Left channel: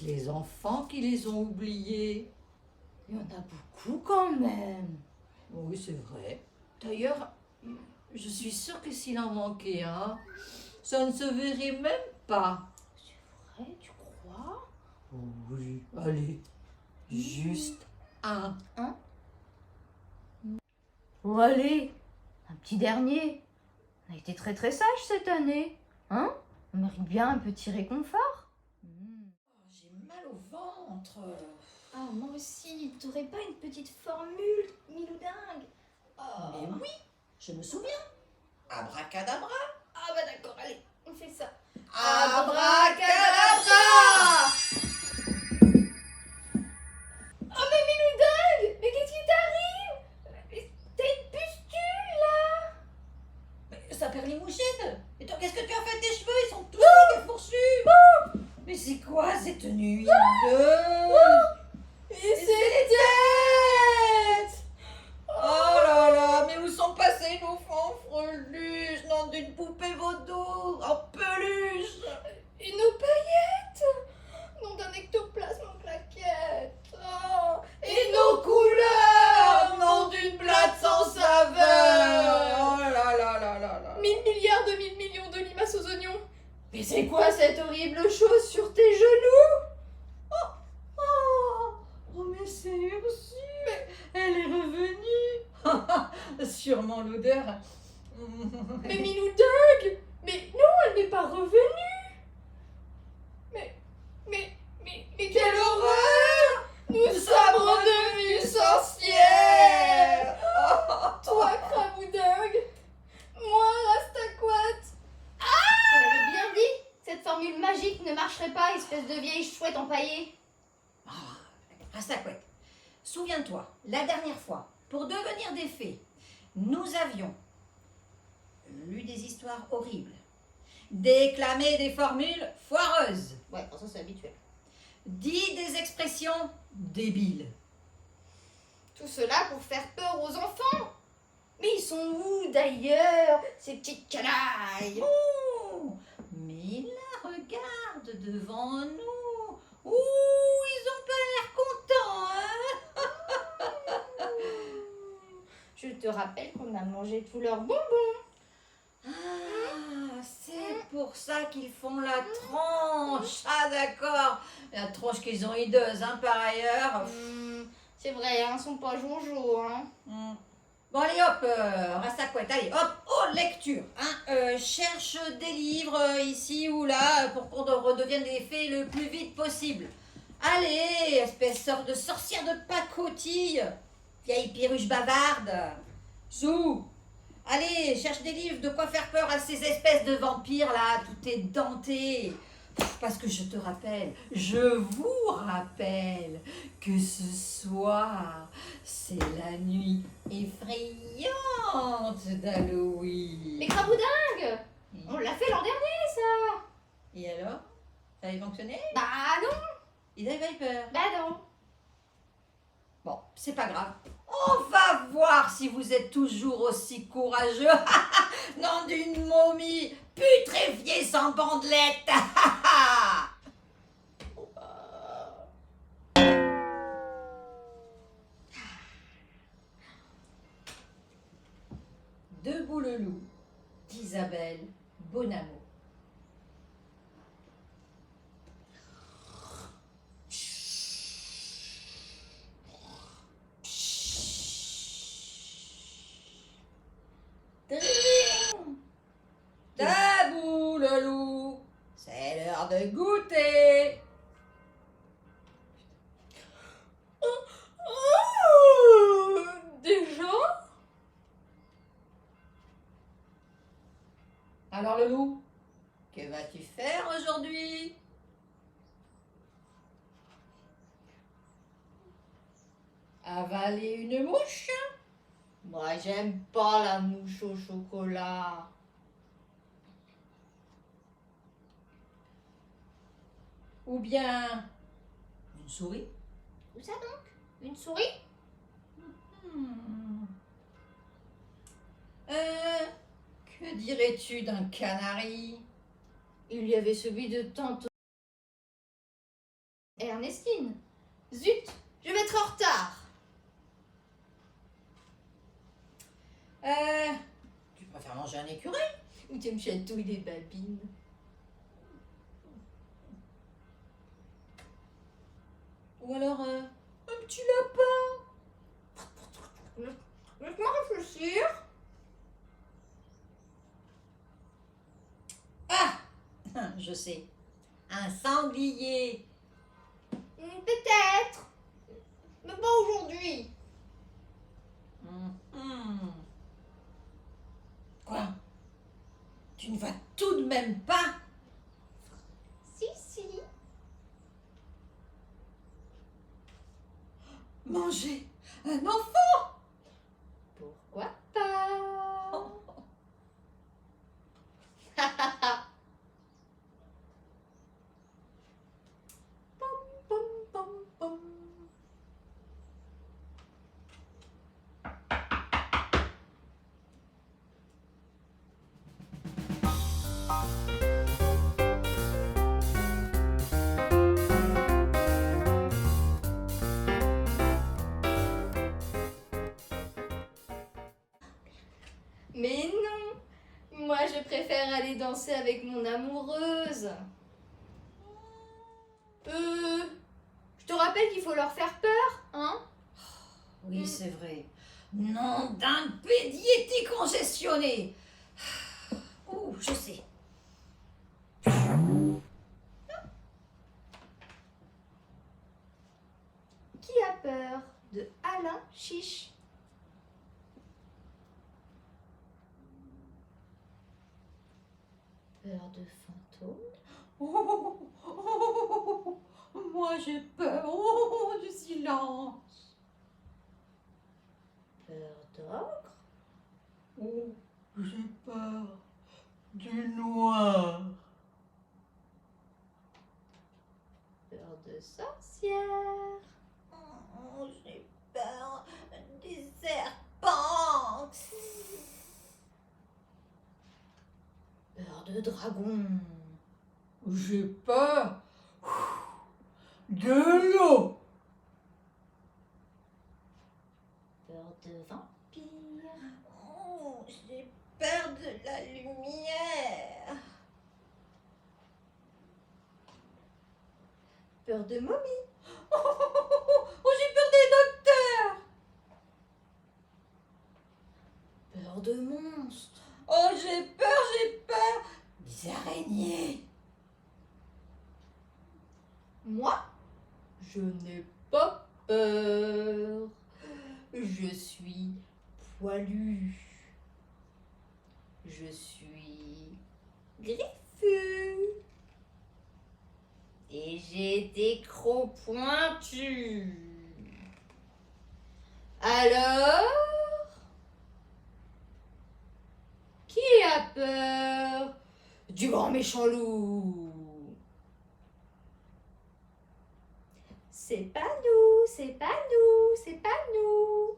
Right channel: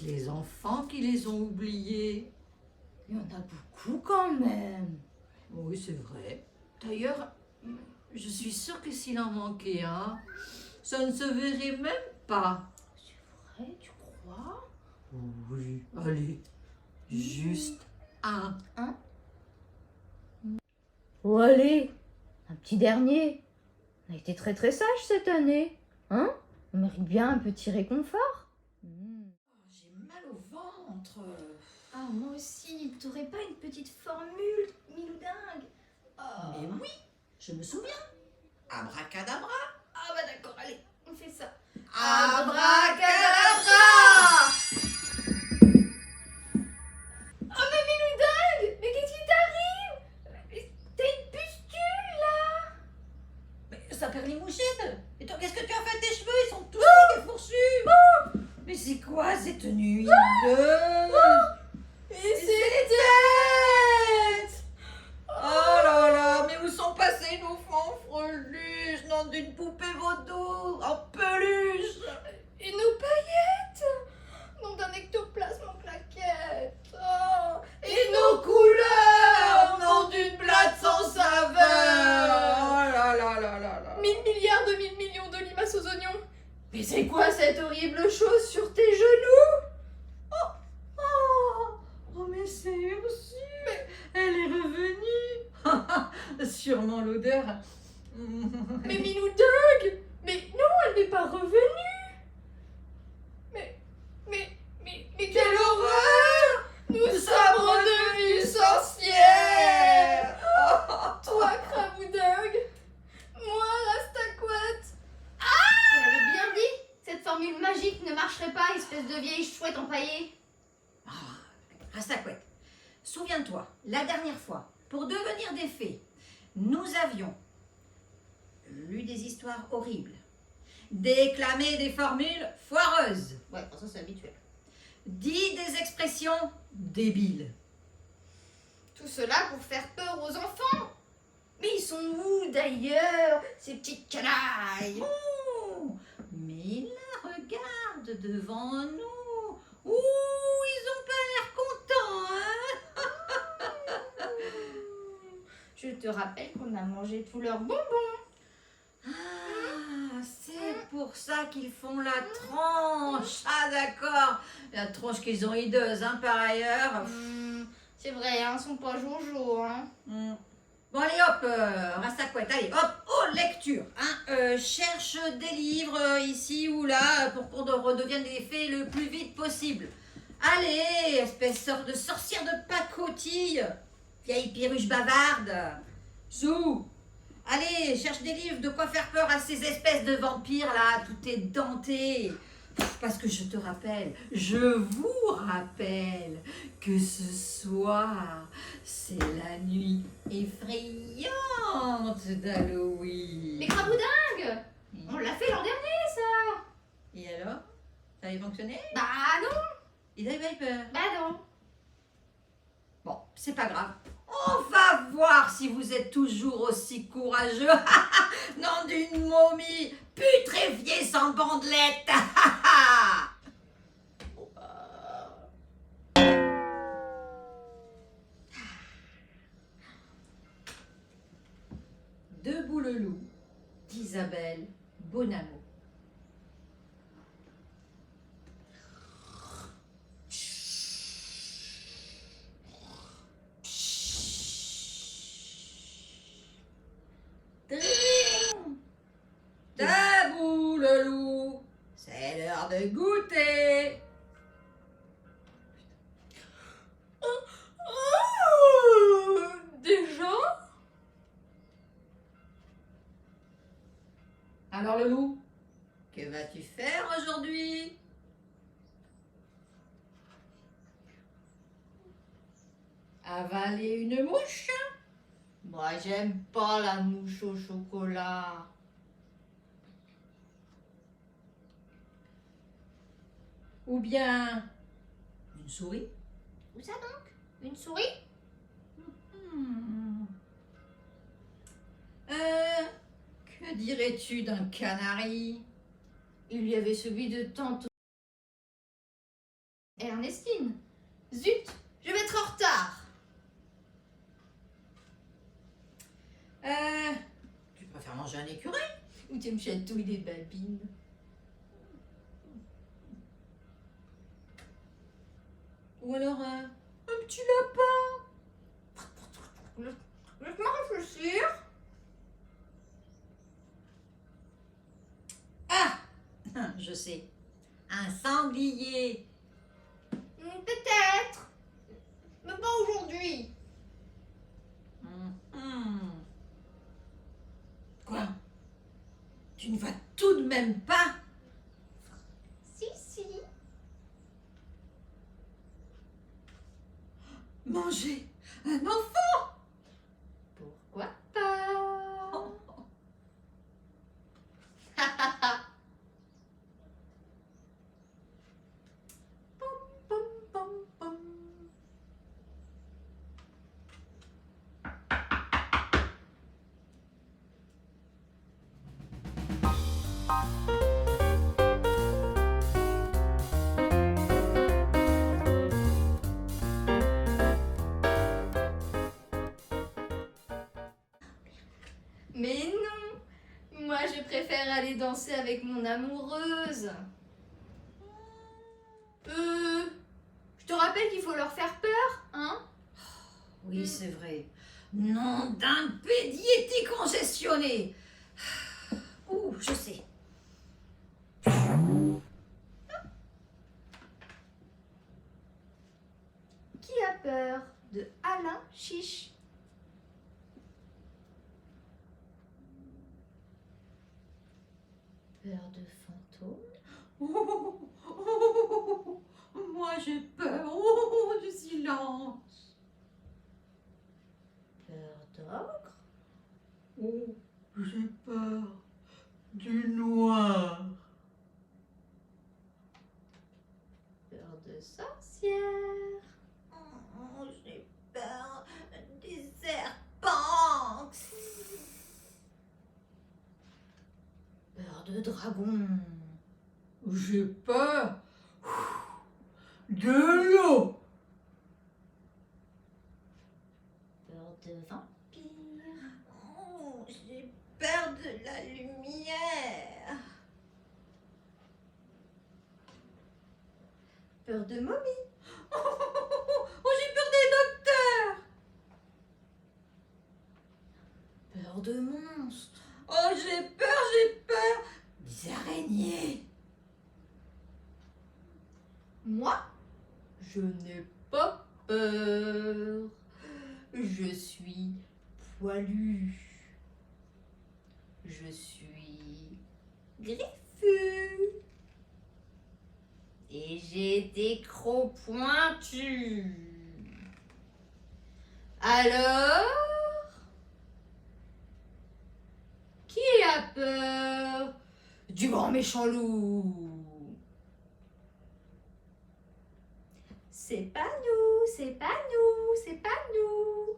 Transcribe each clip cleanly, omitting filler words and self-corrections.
peut-être les enfants qui les ont oubliés. Il y en a beaucoup quand même. Oui, c'est vrai. D'ailleurs, je suis sûre que s'il en manquait un, ça ne se verrait même pas. C'est vrai, tu crois? Oui, allez, juste un. Hein? Oh allez, un petit dernier. On a été très très sage cette année. Hein? On mérite bien un petit réconfort. J'ai mal au ventre. Ah, moi aussi. T'aurais pas une petite formule, Miloudingue? Mais oui, je me souviens. Abracadabra. Ah bah d'accord, allez, on fait ça. Abracadabra. Oh mais Miloudingue, mais qu'est-ce qui t'arrive? T'as une pustule là? Mais ça perd les mouchettes. Et toi, qu'est-ce que tu as fait de tes cheveux? Ils sont tous secs et fourchus. Mais c'est quoi cette nuit hideuse? Et c'est tête! Oh là là, mais où sont passés nos fanfreluches? Nom d'une poupée vaudou en peluche. Et nos paillettes! Nom d'un ectoplasme en plaquettes! Oh. Et nos couleurs, nom d'une blague sans saveur. Oh là là là là là. 1000 milliards de 1000 millions de limaces aux oignons! Mais c'est quoi cette horrible chose sur tes genoux? Oh, mais c'est Ursule. Elle est revenue. Sûrement l'odeur. Mais Miloudingue! Mais non, elle n'est pas revenue! Mais quelle horreur! Nous sommes redevenus sorcières! Toi, Craboudingue! Moi, Rastaquouette! Je te l'avais bien dit! Cette formule magique ne marcherait pas, espèce de vieille chouette empaillée! Rastaquouette, souviens-toi, la dernière fois, pour devenir des fées, nous avions lu des histoires horribles, déclamé des formules foireuses, Ouais, ça c'est habituel. dit des expressions débiles. Tout cela pour faire peur aux enfants! Mais ils sont où d'ailleurs, ces petites canailles? Oh, mais là, regarde devant nous. Ouh, ils ont pas l'air contents, hein? Je te rappelle qu'on a mangé tous leurs bonbons. Ah, c'est pour ça qu'ils font la tranche. Ah, d'accord. La tranche qu'ils ont hideuse, hein, par ailleurs. C'est vrai, hein, ils sont pas jojo, hein. Bon, allez, hop, Rastaquouette, allez, hop, oh, lecture. Hein, cherche des livres ici ou là pour qu'on redevienne des fées le plus vite possible. Allez, espèce de sorcière de pacotille, vieille perruche bavarde. Sous. Allez, cherche des livres de quoi faire peur à ces espèces de vampires là, tout est denté. Parce que je te rappelle, je vous rappelle que ce soir, c'est la nuit effrayante d'Halloween. Mais Craboudingue, on l'a fait l'an dernier, ça. Et alors? Ça avait fonctionné? Bah non, Ils avaient peur. bah non. Bon, c'est pas grave. On va voir si vous êtes toujours aussi courageux. Non, d'une momie putréfiée sans bandelette. Debout le loup d'Isabelle Bonamo. Debout le loup, c'est l'heure de goûter. Déjà? Alors le loup, que vas-tu faire aujourd'hui? Avaler une mouche? Moi, j'aime pas la mouche au chocolat. Ou bien une souris? Où ça donc? Une souris? Que dirais-tu d'un canari? Il y avait celui de tante tu me chatouilles les babines. Ou alors un petit lapin. Laisse-moi réfléchir. Ah, je sais. Un sanglier. Peut-être. Mais pas aujourd'hui. Quoi? Tu ne vas tout de même pas? Si. Manger un enfant? Pourquoi pas? Pom, pom, pom. Mais non. Moi, je préfère aller danser avec mon amoureuse. Je te rappelle qu'il faut leur faire peur, hein? Oui, c'est vrai. Nom d'un pédiétique congestionné. Ouh, je sais. Qui a peur de Alain Chiche? Peur de fantômes? Moi j'ai peur. Oh, du silence. Peur d'ogre? Oh, j'ai peur du noir. Peur de sorcière? Oh, j'ai peur des serpents. Peur de dragon? J'ai peur de l'eau. Peur de vampire? Oh, j'ai peur de la lumière. Peur de momie? Oh, j'ai peur des docteurs. Peur de monstres? Oh, j'ai peur des araignées. Moi, je n'ai pas peur. Je suis poilu. Je suis griffu. Et j'ai des crocs pointus. Alors, qui a peur du grand méchant loup? C'est pas nous, c'est pas nous, c'est pas nous.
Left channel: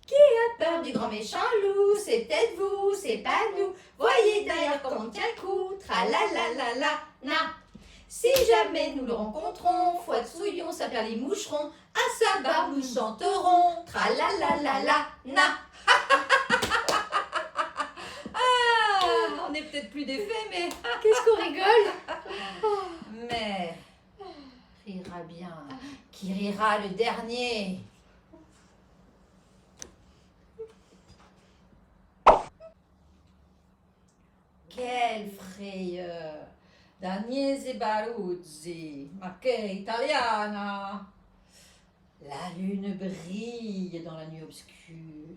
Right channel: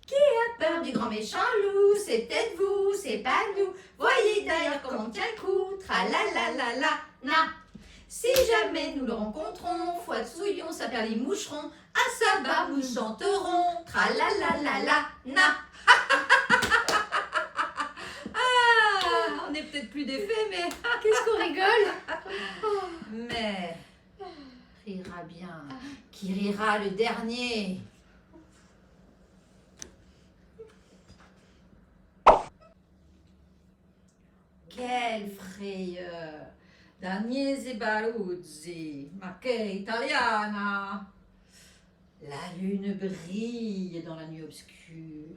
Qui a peur du grand méchant loup? C'est peut-être vous, c'est pas nous. Voyez d'ailleurs comment on tient le trou. Tralalalala, na. Si jamais nous le rencontrons, foi de souillon, ça perd les moucherons. À sa barbe nous chanterons. Tralalalala, na. On n'est peut-être plus des fées, mais... Qu'est-ce qu'on rigole? Mais... rira bien. Qui rira le dernier? Quelle frayeur! D'Agnese Baruzzi, ma che italiana! La lune brille dans la nuit obscure.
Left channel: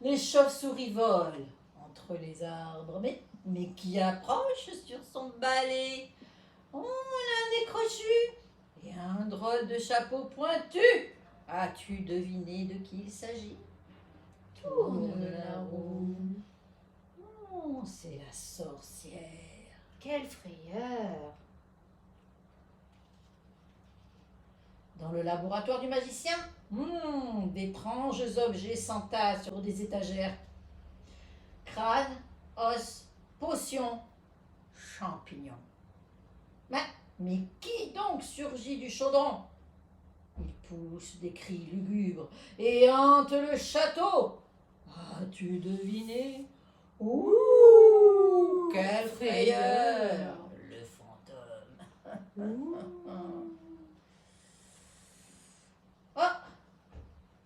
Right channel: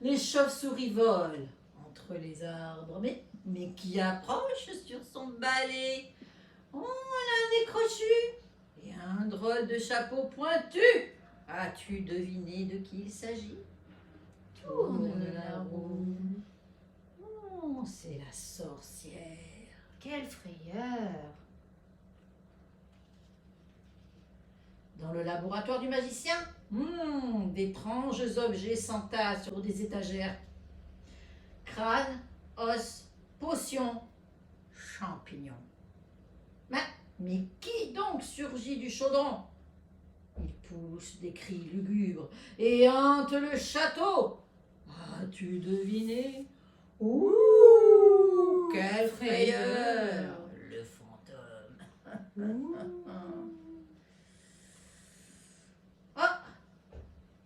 Les chauves-souris volent entre les arbres. Mais qui approche sur son balai? Oh, l'un des crochus et un drôle de chapeau pointu. As-tu deviné de qui il s'agit? Tourne la roue. Oh, c'est la sorcière. Quelle frayeur! Dans le laboratoire du magicien, d'étranges objets s'entassent sur des étagères. Crâne, os, potions, champignons. Mais qui donc surgit du chaudron? Il pousse des cris lugubres et hante le château. As-tu deviné? Ouh! Ouh, quelle frayeur! Le fantôme. Oh!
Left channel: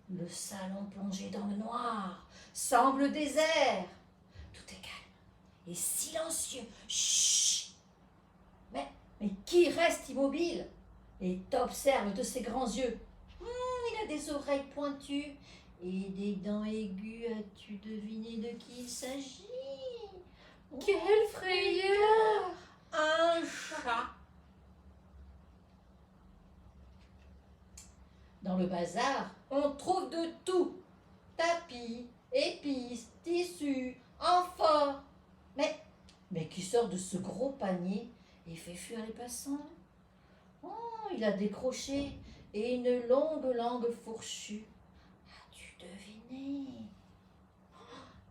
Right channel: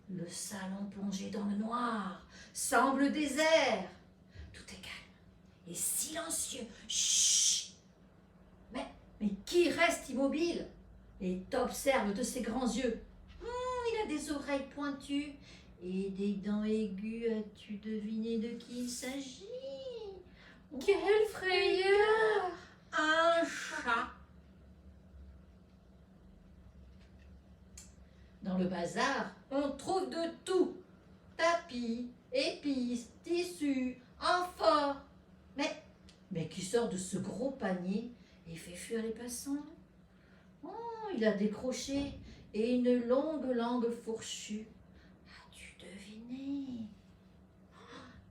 Le salon plongé dans le noir semble désert. Tout est calme et silencieux. Chut! Mais qui reste immobile et t'observe de ses grands yeux? Il a des oreilles pointues et des dents aiguës. As-tu deviné de qui il s'agit? Quelle frayeur! Un chat. Dans le bazar, on trouve de tout. Tapis, épices, tissus, amphores. Mais qui sort de ce gros panier et fait fuir les passants? Oh, il a des crochets et une longue langue fourchue. As-tu deviné?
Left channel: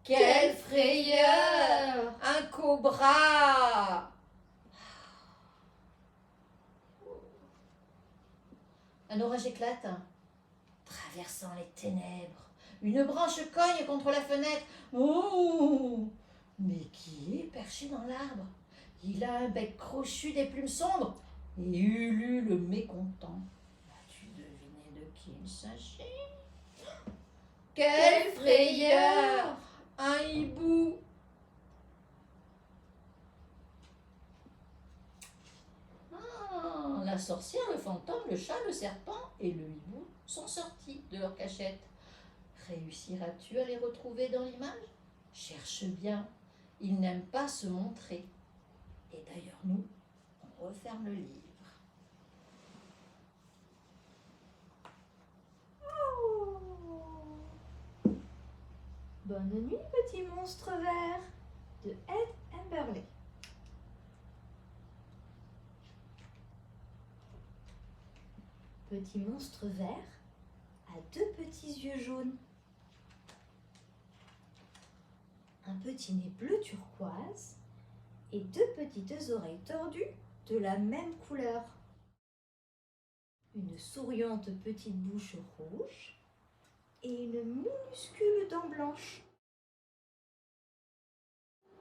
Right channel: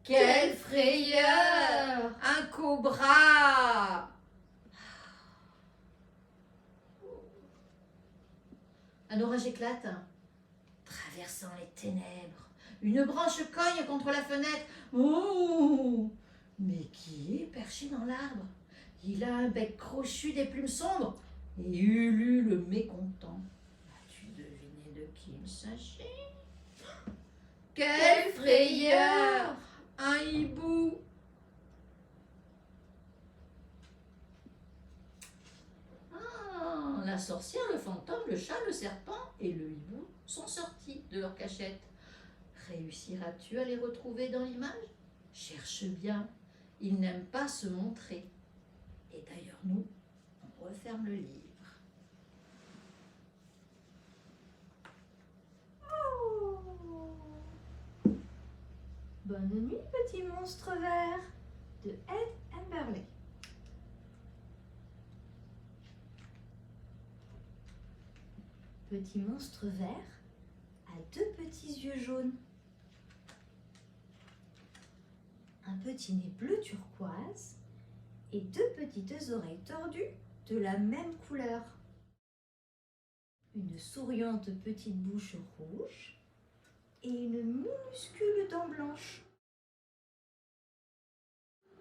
Quelle frayeur! Un cobra! Un orage éclate, traversant les ténèbres. Une branche cogne contre la fenêtre. Ouh! Mais qui est perché dans l'arbre? Il a un bec crochu, des plumes sombres et ulule mécontent. As-tu deviné de qui il s'agit? Quelle frayeur! Un hibou! La sorcière, le fantôme, le chat, le serpent et le hibou sont sortis de leur cachette. Réussiras-tu à les retrouver dans l'image? Cherche bien, ils n'aiment pas se montrer. Et d'ailleurs, nous, on referme le livre. Bonne nuit, petit monstre vert, de Ed Emberley. Petit monstre vert a deux petits yeux jaunes, un petit nez bleu turquoise et deux petites oreilles tordues de la même couleur. Une souriante petite bouche rouge et une minuscule dent blanche.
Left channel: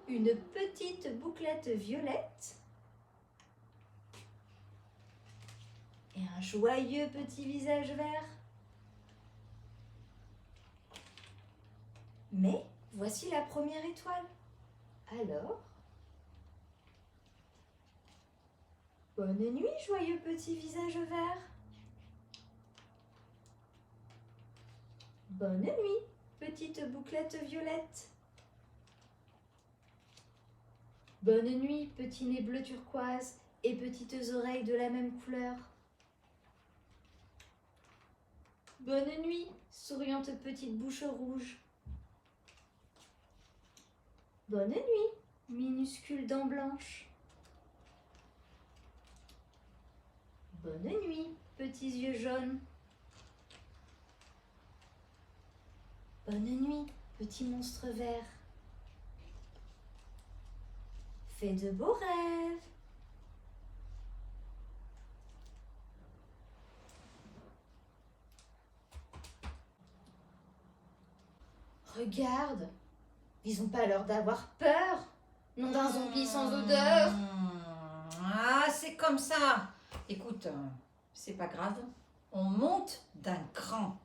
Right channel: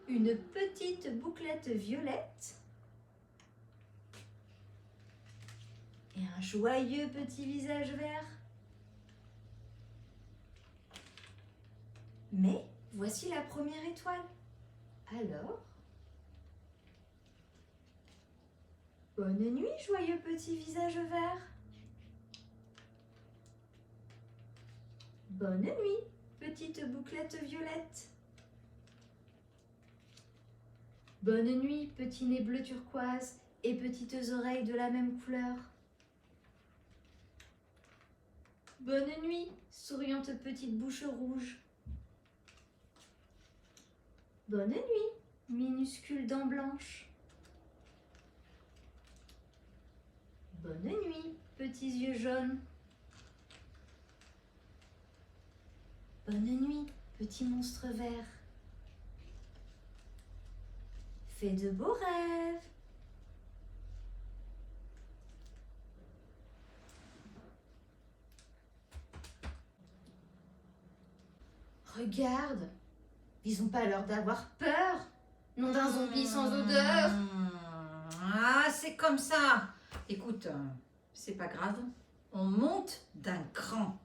Une petite bouclette violette et un joyeux petit visage vert. Mais voici la première étoile. Alors, bonne nuit, joyeux petit visage vert. Bonne nuit, petite bouclette violette. Bonne nuit, petit nez bleu turquoise et petites oreilles de la même couleur. Bonne nuit, souriante petite bouche rouge. Bonne nuit, minuscule dent blanche. Bonne nuit, petits yeux jaunes. Bonne nuit, petit monstre vert. Fais de beaux rêves. Regarde, ils n'ont pas l'air d'avoir peur. Non d'un zombie sans odeur. Ah, c'est comme ça. Écoute, c'est pas grave. On monte d'un cran.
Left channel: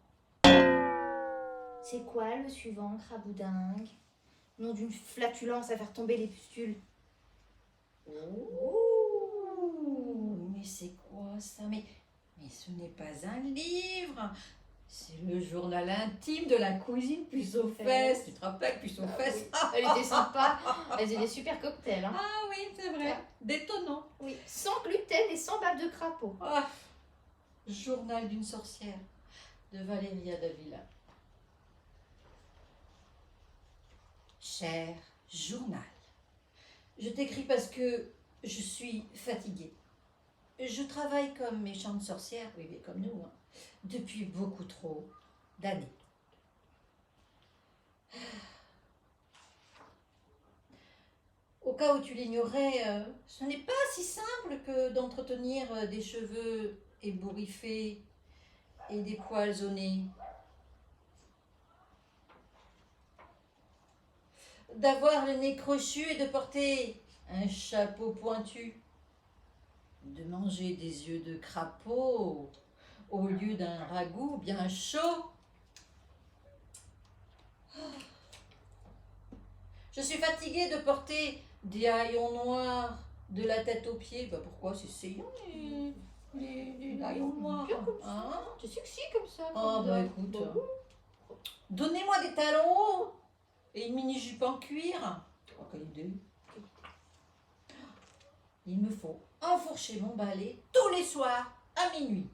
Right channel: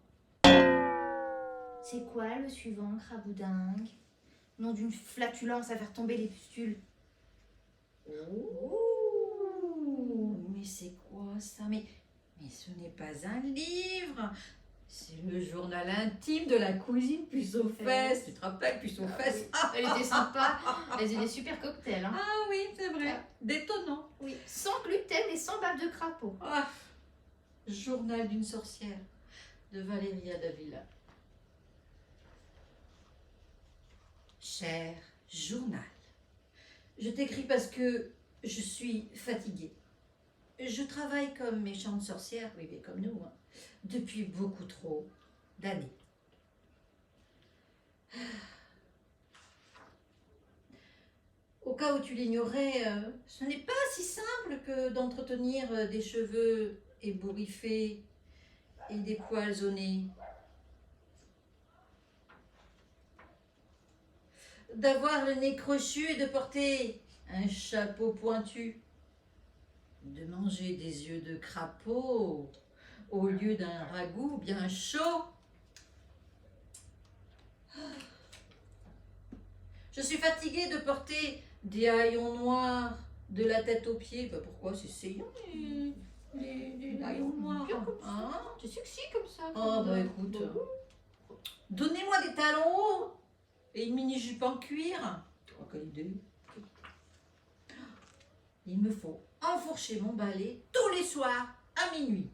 C'est quoi le suivant, craboudingue? Nom d'une flatulence à faire tomber les pustules. Oh, mais c'est quoi ça? Mais ce n'est pas un livre. C'est le journal intime de la cousine puce aux fesses. Tu te rappelles, puce aux fesses? Elle était sympa. Elle faisait des super cocktails. Hein. Ah oui, c'est vrai. Détonnant. Oui, sans gluten et sans bave de crapaud. Ah, journal d'une sorcière de Valéria Davila. Cher journal, je t'écris parce que je suis fatiguée. Je travaille comme méchante sorcière, oui, mais comme nous, hein, depuis beaucoup trop d'années. Au cas où tu l'ignorais, ce n'est pas si simple que d'entretenir des cheveux ébouriffés et des poils au nez. d'avoir le nez crochu et de porter un chapeau pointu, de manger des yeux de crapaud au lieu d'un ragoût bien chaud. Je suis fatiguée de porter des haillons noirs de la tête aux pieds. Bah pourquoi c'est saillant les haillons noirs, hein? C'est sexy comme ça. Oh bah écoute, donnez-moi des talons hauts et une mini-jupe en cuir. Oh, quelle idée. Il me faut enfourcher mon balai tous les soirs à minuit.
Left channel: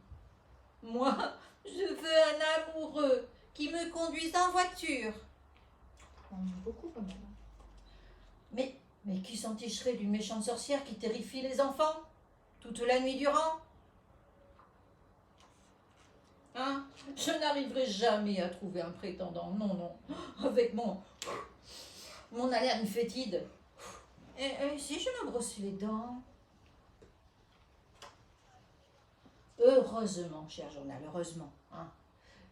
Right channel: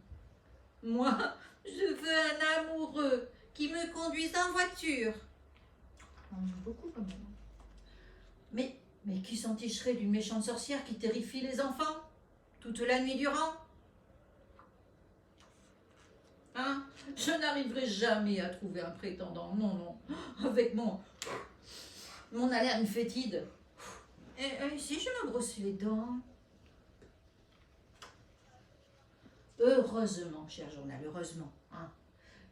Moi, je veux un amoureux qui me conduise en voiture. On en a beaucoup quand même. Mais qui s'enticherait d'une méchante sorcière qui terrifie les enfants toute la nuit durant? Hein? Je n'arriverai jamais à trouver un prétendant. Non, non. Avec mon haleine fétide. Et si je me brossais les dents? Heureusement, cher journal, heureusement, hein,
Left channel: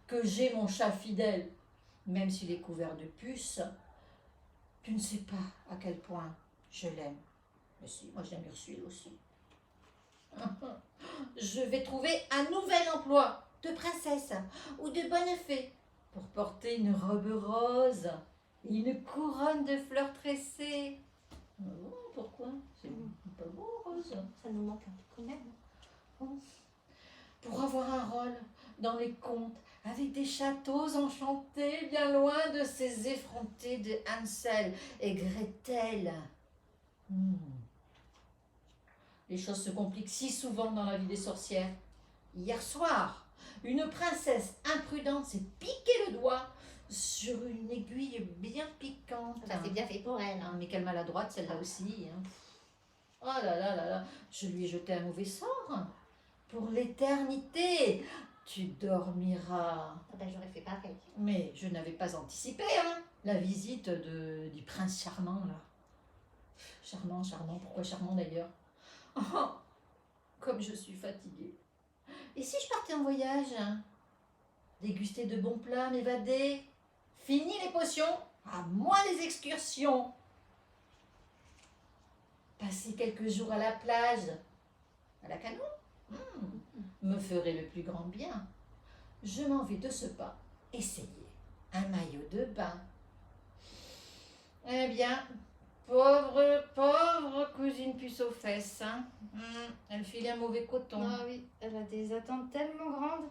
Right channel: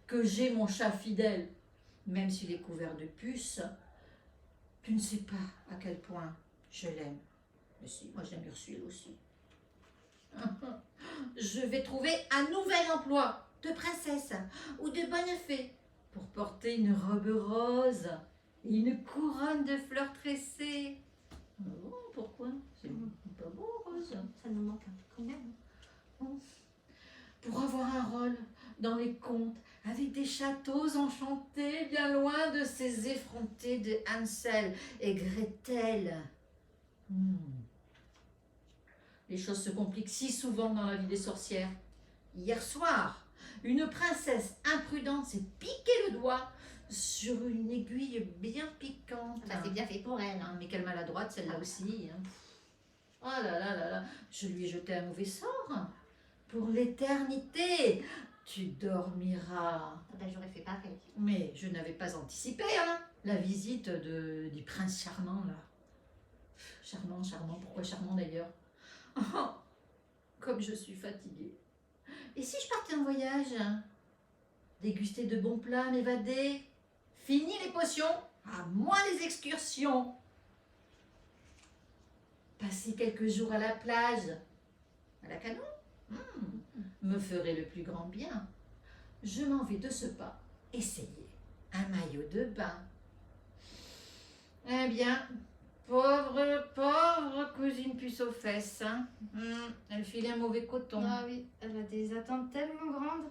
que j'ai mon chat fidèle, même s'il est couvert de puces. Tu ne sais pas à quel point je l'aime. Mais si, moi j'aime Ursule aussi. Je vais trouver un nouvel emploi de princesse ou de bonne fée pour porter une robe rose et une couronne de fleurs tressées. Oh, pourquoi? C'est pas beau, rose. Ça nous manque un peu quand même. Pour avoir un rôle dans les contes avec des châteaux enchantés bien loin de ces effrontés de Hansel et Gretel. Les choses se compliquent si souvent dans la vie des sorcières. Hier soir, une princesse imprudente s'est piqué le doigt sur une aiguille bien piquante. Bah, c'est bien fait pour elle. Mais quelle maladroite celle-là aussi. Oh là là là là, je lui ai jeté un mauvais sort. Pour l'éternité, tu dormiras. Ah bah, j'aurais fait pareil. Mais je n'avais pas anticipé la visite du prince charmant là. Charmant, charmant, pourquoi charmant d'ailleurs? Oh, comme je suis fatiguée. Et si je partais en voyage? Déguster de bons plats, m'évader? Fini les potions, à moi les excursions. Passer quelques jours à la plage, à la canoë, me ferait le plus grand bien. Je m'en vais de ce pas essayer un maillot de bain. Eh bien, pauvre cousine puce aux fesses. Elle filait un mauvais coton. Ah oui, elle a des attentes tellement grandes.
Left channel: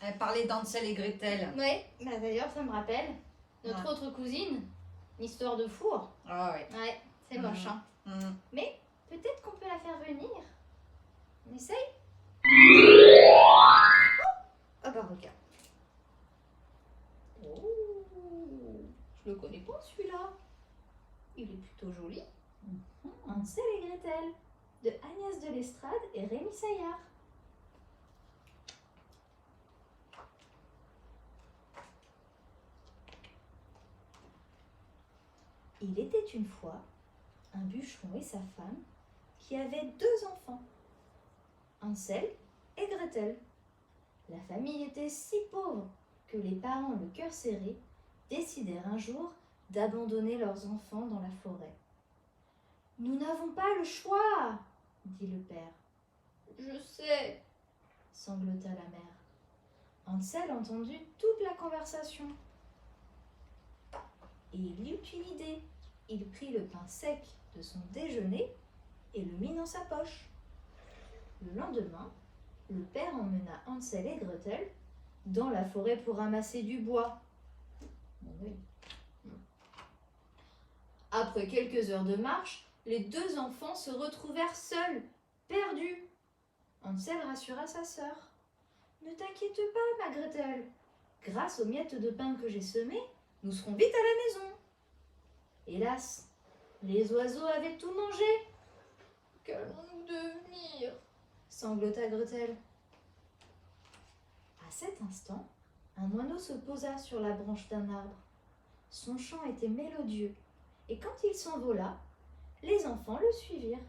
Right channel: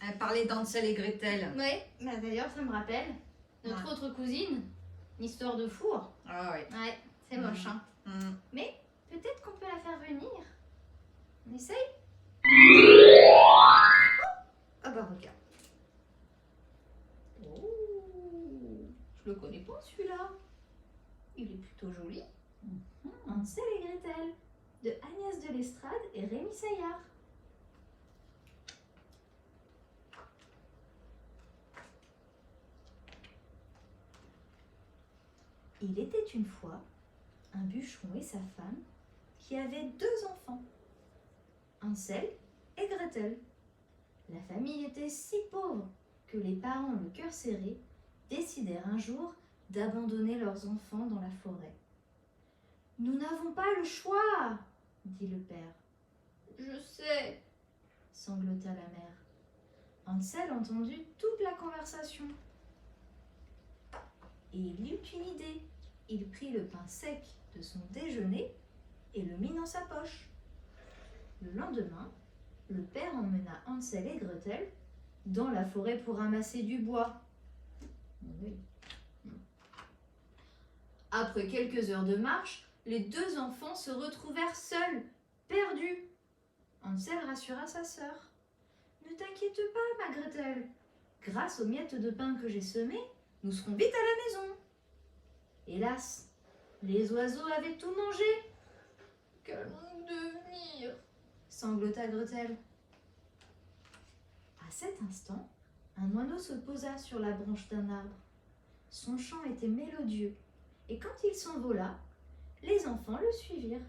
Elle parlait d'Hansel et Gretel. Ouais, bah d'ailleurs, ça me rappelle notre autre cousine, l'histoire de four. Ah oui. Ouais, c'est moche, hein. Mais peut-être qu'on peut la faire venir. On essaye? Ah bah regarde. Oh, je le connais pas celui-là. Il est plutôt joli. Hansel et Gretel, de Agnès de l'Estrade et Rémi Saillard. Il était une fois un bûcheron et sa femme qui avaient 2 enfants, Hansel et Gretel. La famille était si pauvre que les parents, le cœur serré, décidèrent un jour d'abandonner leurs enfants dans la forêt. « Nous n'avons pas le choix, dit le père. « Je sais, sanglota la mère. Hansel entendit toute la conversation. Et il eut une idée. Il prit le pain sec de son déjeuner et le mit dans sa poche. Le lendemain, le père emmena Hansel et Gretel dans la forêt pour ramasser du bois. Après quelques heures de marche, les 2 enfants se retrouvèrent seuls, perdus. Hansel rassura sa sœur. « Ne t'inquiète pas, ma Gretel. Grâce aux miettes de pain que j'ai semées, nous serons vite à la maison. » Hélas, les oiseaux avaient tout mangé. « Qu'allons-nous devenir ?» sanglota Gretel. À cet instant, un oiseau se posa sur la branche d'un arbre. Son chant était mélodieux, et quand il s'envola, les enfants le suivirent.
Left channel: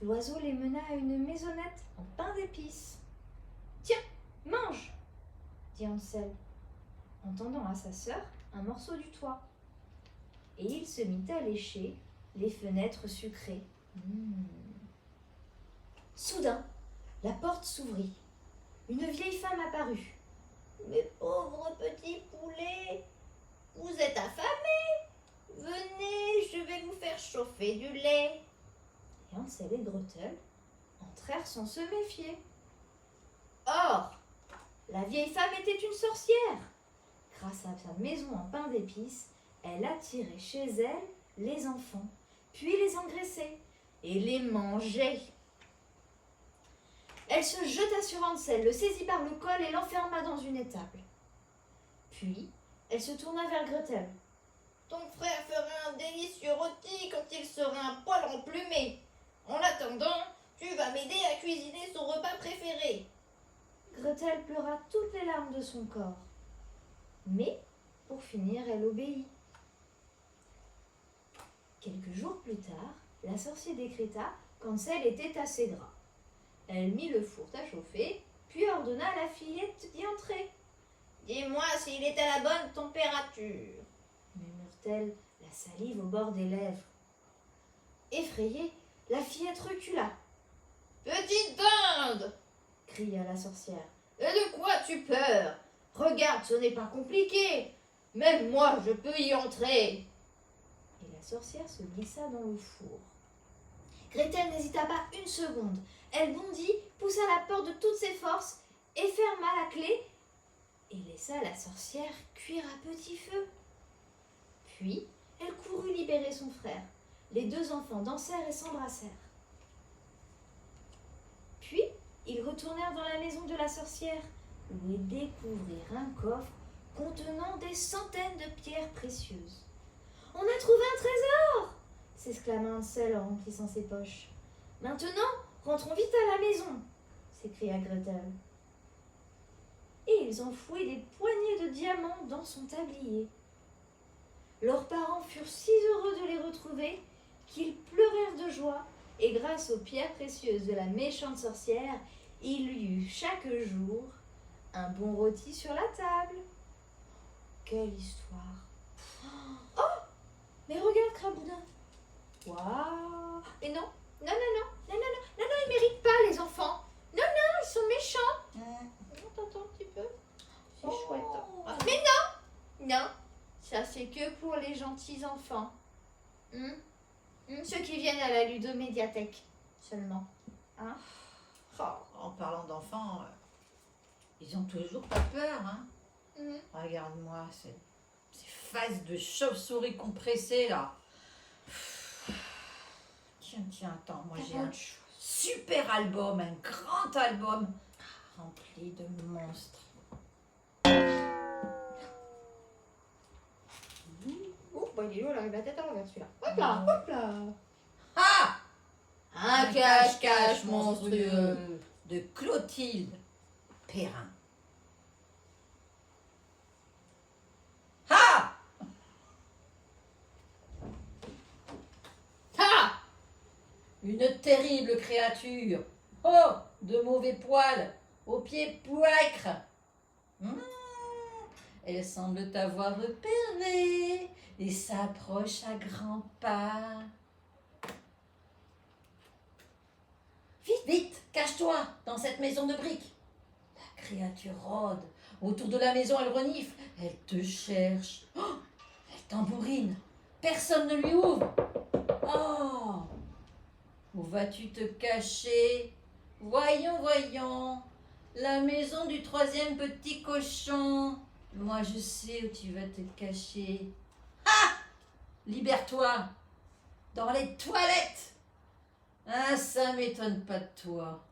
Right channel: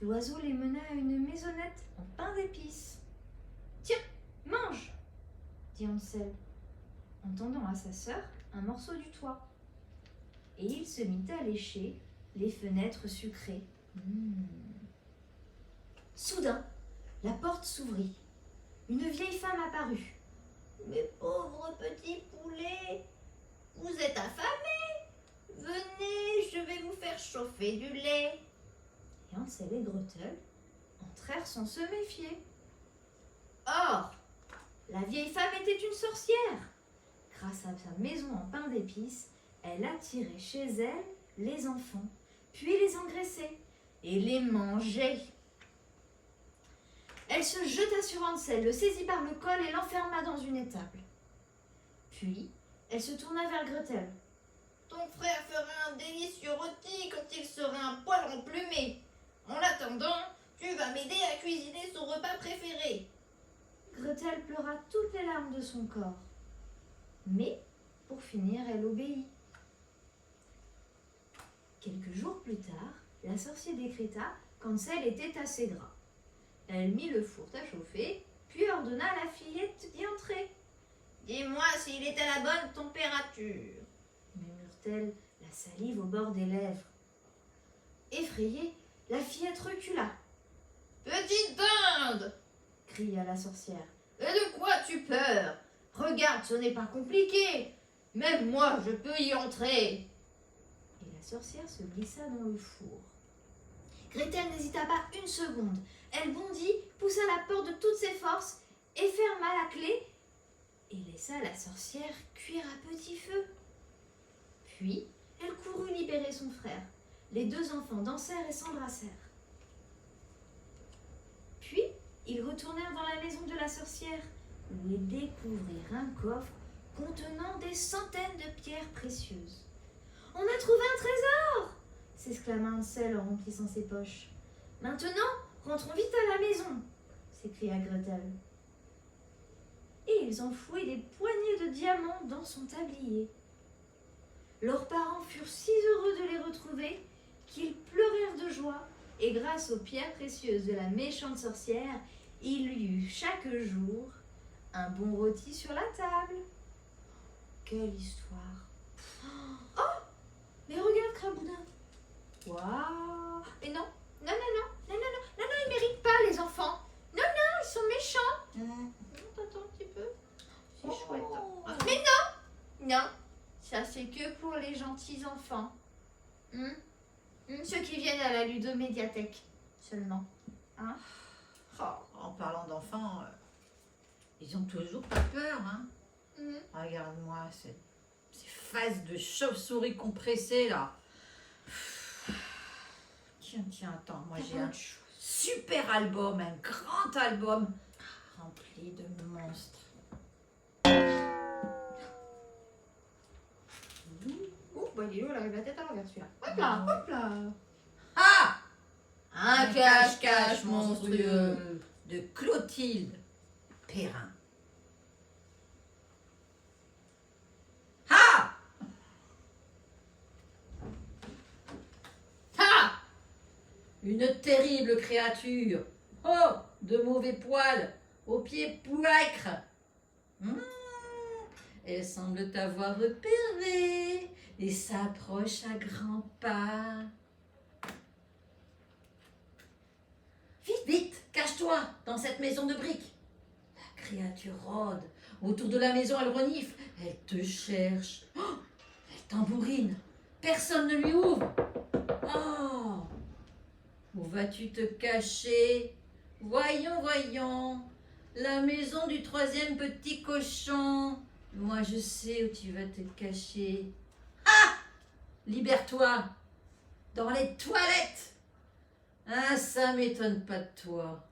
L'oiseau les mena à une maisonnette en pain d'épices. « Tiens, mange !» dit Hansel. en tendant à sa sœur un morceau du toit. Et il se mit à lécher les fenêtres sucrées. Soudain, la porte s'ouvrit. Une vieille femme apparut. « Mes pauvres petits poulets, vous êtes affamés? Venez, je vais vous faire chauffer du lait. » Et Hansel et Gretel entrèrent sans se méfier. Or, la vieille femme était une sorcière. Grâce à sa maison en pain d'épices, elle attirait chez elle les enfants, puis les engraissait et les mangeait. Elle se jeta sur Hansel, le saisit par le col et l'enferma dans une étable. Puis, elle se tourna vers Gretel. « Ton frère fera un délicieux rôti quand il sera un poil emplumé. En attendant, tu vas m'aider à cuisiner son repas préféré. » Gretel pleura toutes les larmes de son corps. Mais, pour finir, elle obéit. Quelques jours plus tard, la sorcière décréta qu'Hansel était assez gras. Elle mit le four à chauffer, puis ordonna à la fillette d'y entrer. « Dis-moi s'il est à la bonne température. » murmure-t-elle, la salive au bord des lèvres. Effrayée, la fillette recula. « Petite dinde !» cria la sorcière. « Et de quoi as-tu peur? Regarde, ce n'est pas compliqué. Même moi, je peux y entrer. » Et la sorcière se glissa dans le four. Gretel n'hésita pas une seconde. Elle bondit, poussa la porte de toutes ses forces et ferma la clé et laissa la sorcière cuire à petit feu. Puis, elle courut libérer son frère. Les deux enfants dansèrent et s'embrassèrent. Puis, ils retournèrent dans la maison de la sorcière, où ils découvrirent un coffre contenant des centaines de pierres précieuses. « On a trouvé un trésor !» s'exclama Hansel en remplissant ses poches. « Maintenant, rentrons vite à la maison !» s'écria Gretel. Et ils enfouaient des poignées de diamants dans son tablier. Leurs parents furent si heureux de les retrouver qu'ils pleurèrent de joie, et grâce aux pierres précieuses de la méchante sorcière, il y eut chaque jour un bon rôti sur la table. Quelle histoire! Oh! Mais regarde, Craboudin! Waouh! Mais non, non, non, non, non, non, non, non, non, ils méritent pas, les enfants! Non, non, ils sont méchants! Non, t'attends un petit peu. C'est Oh. chouette. Hein. Mais non! Non, ça c'est que pour les gentils enfants. Ceux qui viennent à la ludomédiathèque seulement. Hein? Oh, en parlant d'enfants, ils ont toujours pas peur, hein. Regarde-moi, ces faces de chauve-souris compressées, là. Tiens, attends, moi j'ai un super album, un grand album rempli de monstres. Oh, bah il est où, il arrive la tête à l'envers celui-là. Hop là, hop là! Ah! Un cache-cache monstrueux. De Clotilde Perrin. Ah! Ah! Une terrible créature. Oh! De mauvais poils, aux pieds poêcres. Elle semble t'avoir repéré et s'approche à grands pas. Vite, vite, cache-toi dans cette maison de briques. La créature rôde. Autour de la maison, elle renifle. Elle te cherche. Oh, elle tambourine. Personne ne lui ouvre. Oh! Où vas-tu te cacher? Voyons. La maison du troisième petit cochon. Moi, je sais où tu vas te cacher. Ah! Libère-toi. Dans les toilettes. Ah, ça m'étonne pas de toi.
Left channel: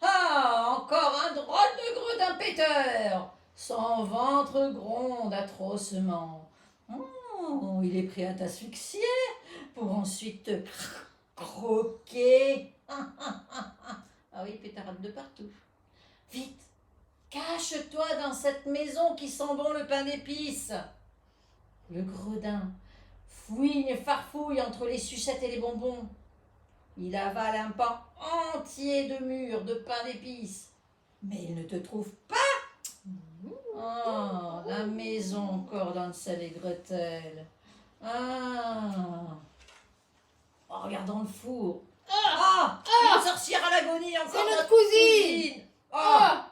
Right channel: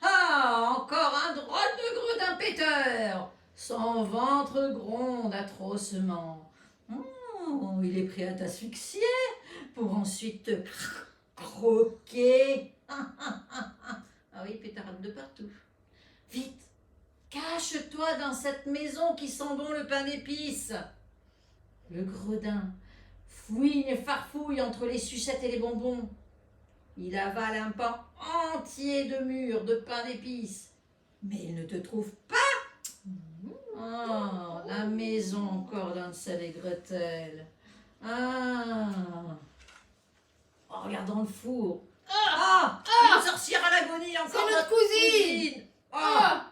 Ah, encore un drôle de gredin péteur. Son ventre gronde atrocement. Oh, il est prêt à t'asphyxier pour ensuite te croquer. Ah oui, pétarade de partout. Vite, cache-toi dans cette maison qui sent bon le pain d'épices. Le gredin fouine et farfouille entre les sucettes et les bonbons. Il avale un pan entier de mûres de pain d'épices. Mais il ne te trouve pas. Oh, la maison encore d'Hansel et Gretel. Ah. Oh, regarde dans le four. Ah, une sorcière à l'agonie encore. C'est notre cousine. Ah,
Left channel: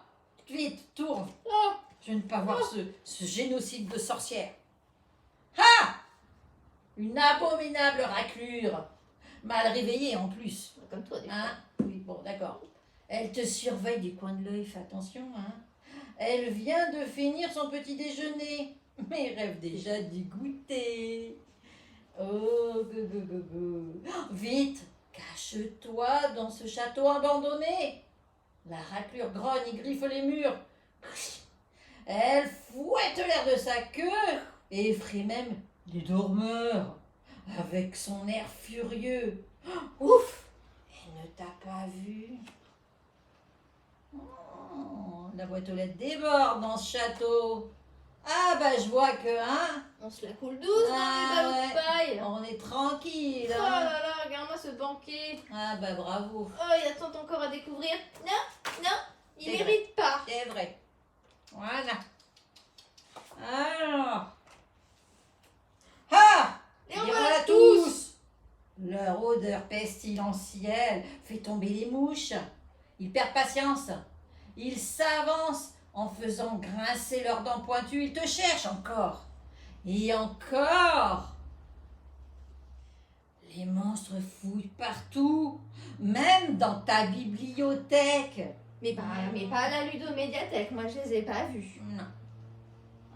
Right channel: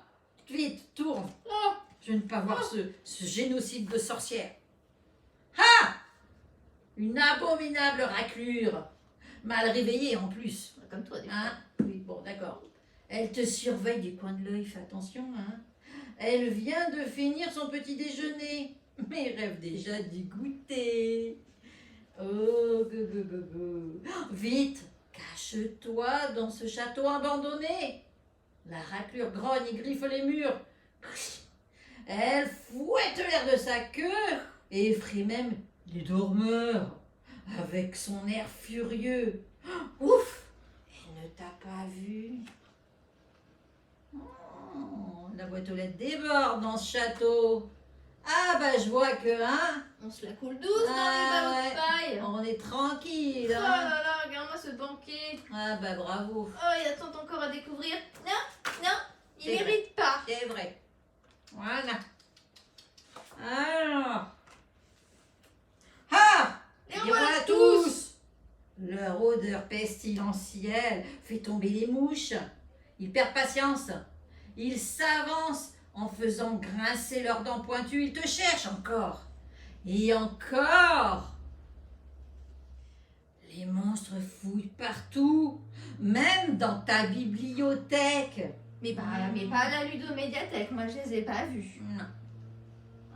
vite, tourne. Ah. Je ne veux pas voir ce génocide de sorcière. Ah, une abominable raclure. Mal réveillée en plus. Comme toi, des fois. Hein? Oui, bon, d'accord. Elle te surveille du coin de l'œil, fais attention. Hein? Elle vient de finir son petit déjeuner, mais rêve déjà d'y goûter. Oh, go. Vite, cache-toi dans ce château abandonné. La raclure grogne et griffe les murs. Elle fouette l'air de sa queue et effraie même les dormeurs avec son air furieux. Ouf! Elle ne t'a pas vu. Oh, la boîte aux lettres déborde dans ce château. Ah bah je vois que, hein, On se la coule douce dans les ballots ouais. de paille. On est tranquille. Oh Hein. là là, regarde-moi ce banquet. Ah bah bravo. Oh, il y a tant encore à découvrir. Non, il C'est vrai. mérite pas. C'est vrai. Voilà. Alors. Ah! Et Et voilà voilà tous! Leur odeur pestilentielle fait tomber les mouches. Ils perdent patience. Ils s'avancent en faisant grincer leurs dents pointues. Ils te cherchent encore. Et encore. Les monstres fouillent partout, même dans ta bibliothèque. Mais pas à la ludomédiathèque, moi je les ai pas vus. Non.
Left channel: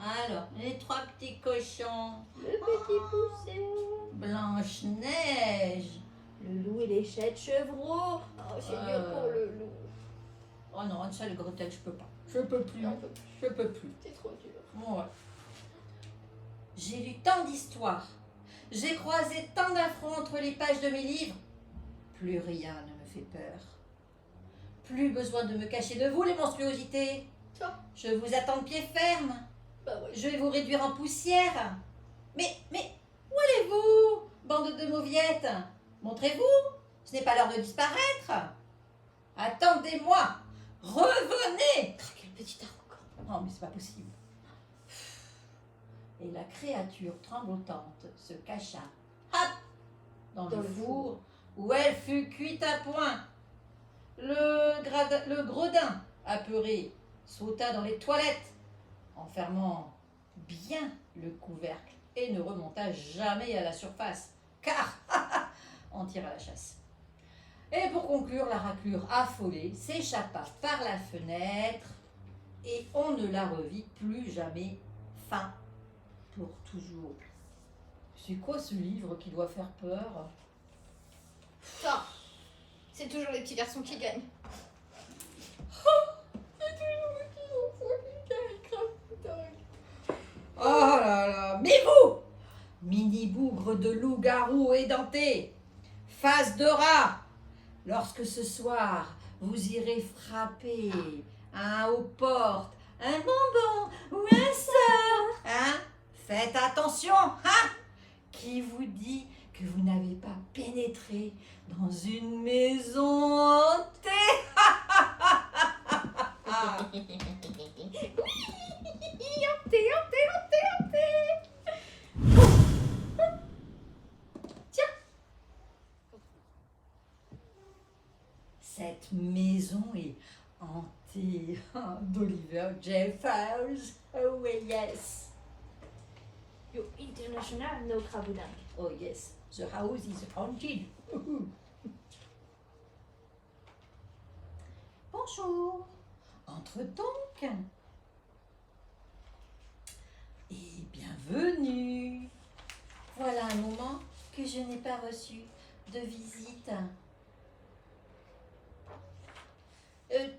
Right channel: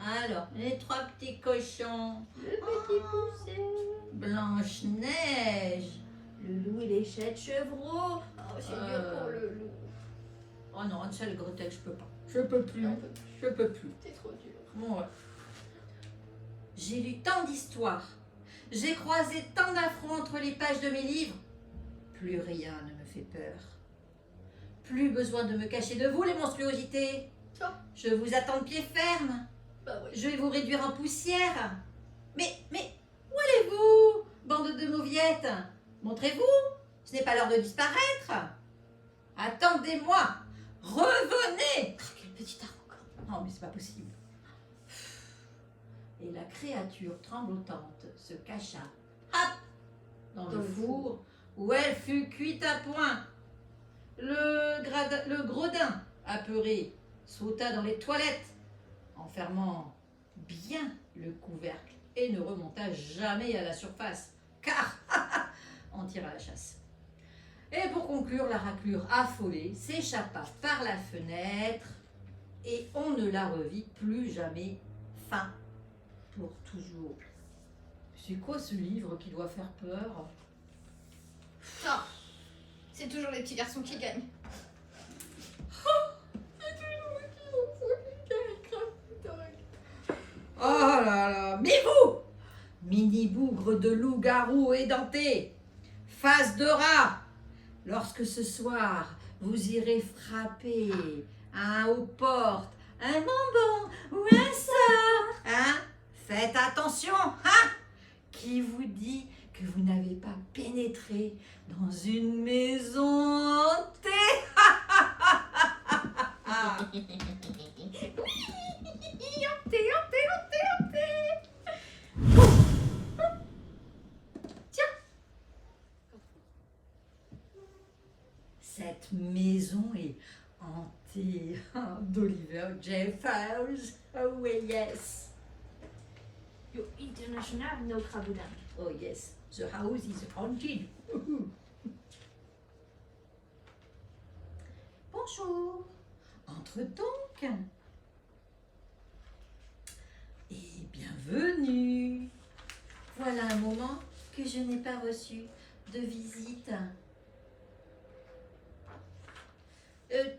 Alors, les trois petits cochons. Le petit poussé. Blanche-Neige. Le loup et l'échelle chevreau. Oh, c'est mieux pour le loup. Oh non, Hansel et Gretel, je peux pas. Je peux plus. J'en peux plus. Je peux plus. C'est trop dur. Ouais. J'ai lu tant d'histoires. J'ai croisé tant d'affronts entre les pages de mes livres. Plus rien ne me fait peur. Plus besoin de me cacher de vous, les monstruosités. Oh. Je vous attends de pied ferme. Bah ouais. Je vais vous réduire en poussière. Mais, où allez-vous, bande de mauviettes? Montrez-vous. Ce n'est pas l'heure de disparaître. Attendez-moi. Revenez. Quel petit arrogant. Non, mais c'est pas possible. Et la créature tremblotante se cacha, hop, dans le four où elle fut cuite à point. Le gredin, apeuré, sauta dans les toilettes, en fermant bien le couvercle et ne remonta jamais à la surface, car on tire à la chasse. Et pour conclure, la raclure affolée s'échappa par la fenêtre et on ne la revit plus jamais. Fin. Pour toujours. C'est quoi ce livre qui doit faire peur? Ça, c'est toujours les petits garçons qui gagnent. C'est toujours les petits garçons qui gagnent. Oh là là. Mais vous, mini bougre de loup-garou édenté, face de rat, lorsque ce soir vous irez frapper aux portes, un bonbon ou un sort, hein? Faites attention, hein? Qui vous dit que vous n'avez pas pénétré dans une maison hantée? Cette maison est hantée d'Oliver Jeffers. Oh oui, yes. You're international, no Kraboudin. Oh yes, the house is haunted. Bonjour, entre donc. Et bienvenue. Voilà un moment que je n'ai pas reçu de visite.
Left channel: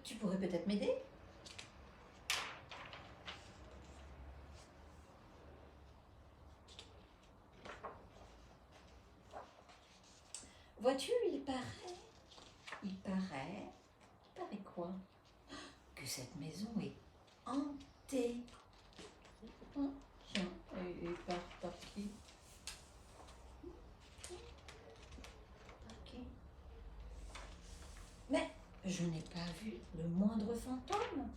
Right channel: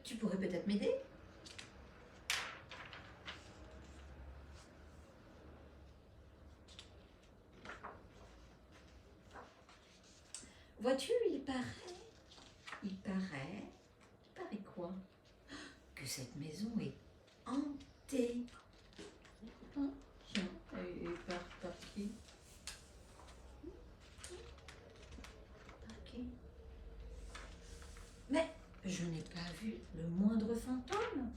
Tu pourrais peut-être m'aider? Vois-tu, il paraît quoi? Que cette maison est hantée. Oh, tiens, elle est par qui? Par qui? Mais je n'ai pas vu le moindre fantôme.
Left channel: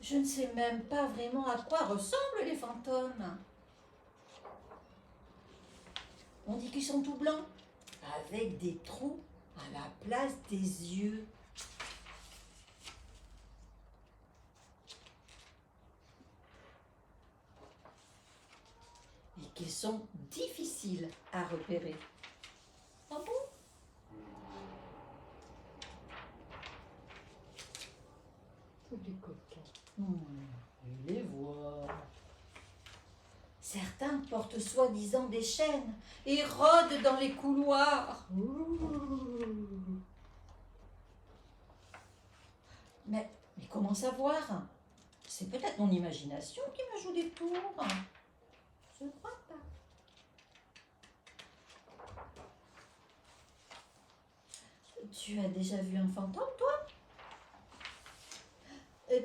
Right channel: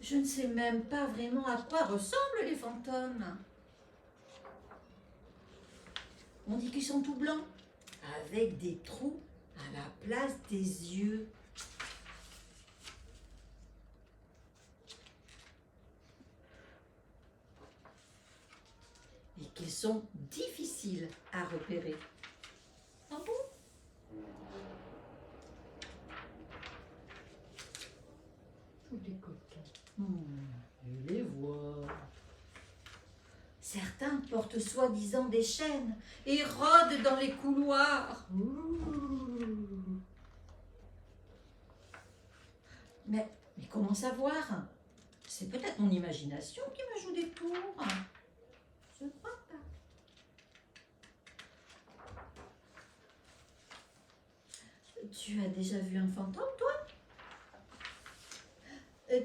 Je ne sais même pas vraiment à quoi ressemblent les fantômes. On dit qu'ils sont tout blancs, avec des trous à la place des yeux. Et qu'ils sont difficiles à repérer. Ah bon? Tous les coquins. Je les vois. Certains portent soi-disant des chaînes et rôdent dans les couloirs. Mais comment savoir? C'est peut-être mon imagination qui me joue des tours. Je ne crois pas. Tu as déjà vu un fantôme, toi?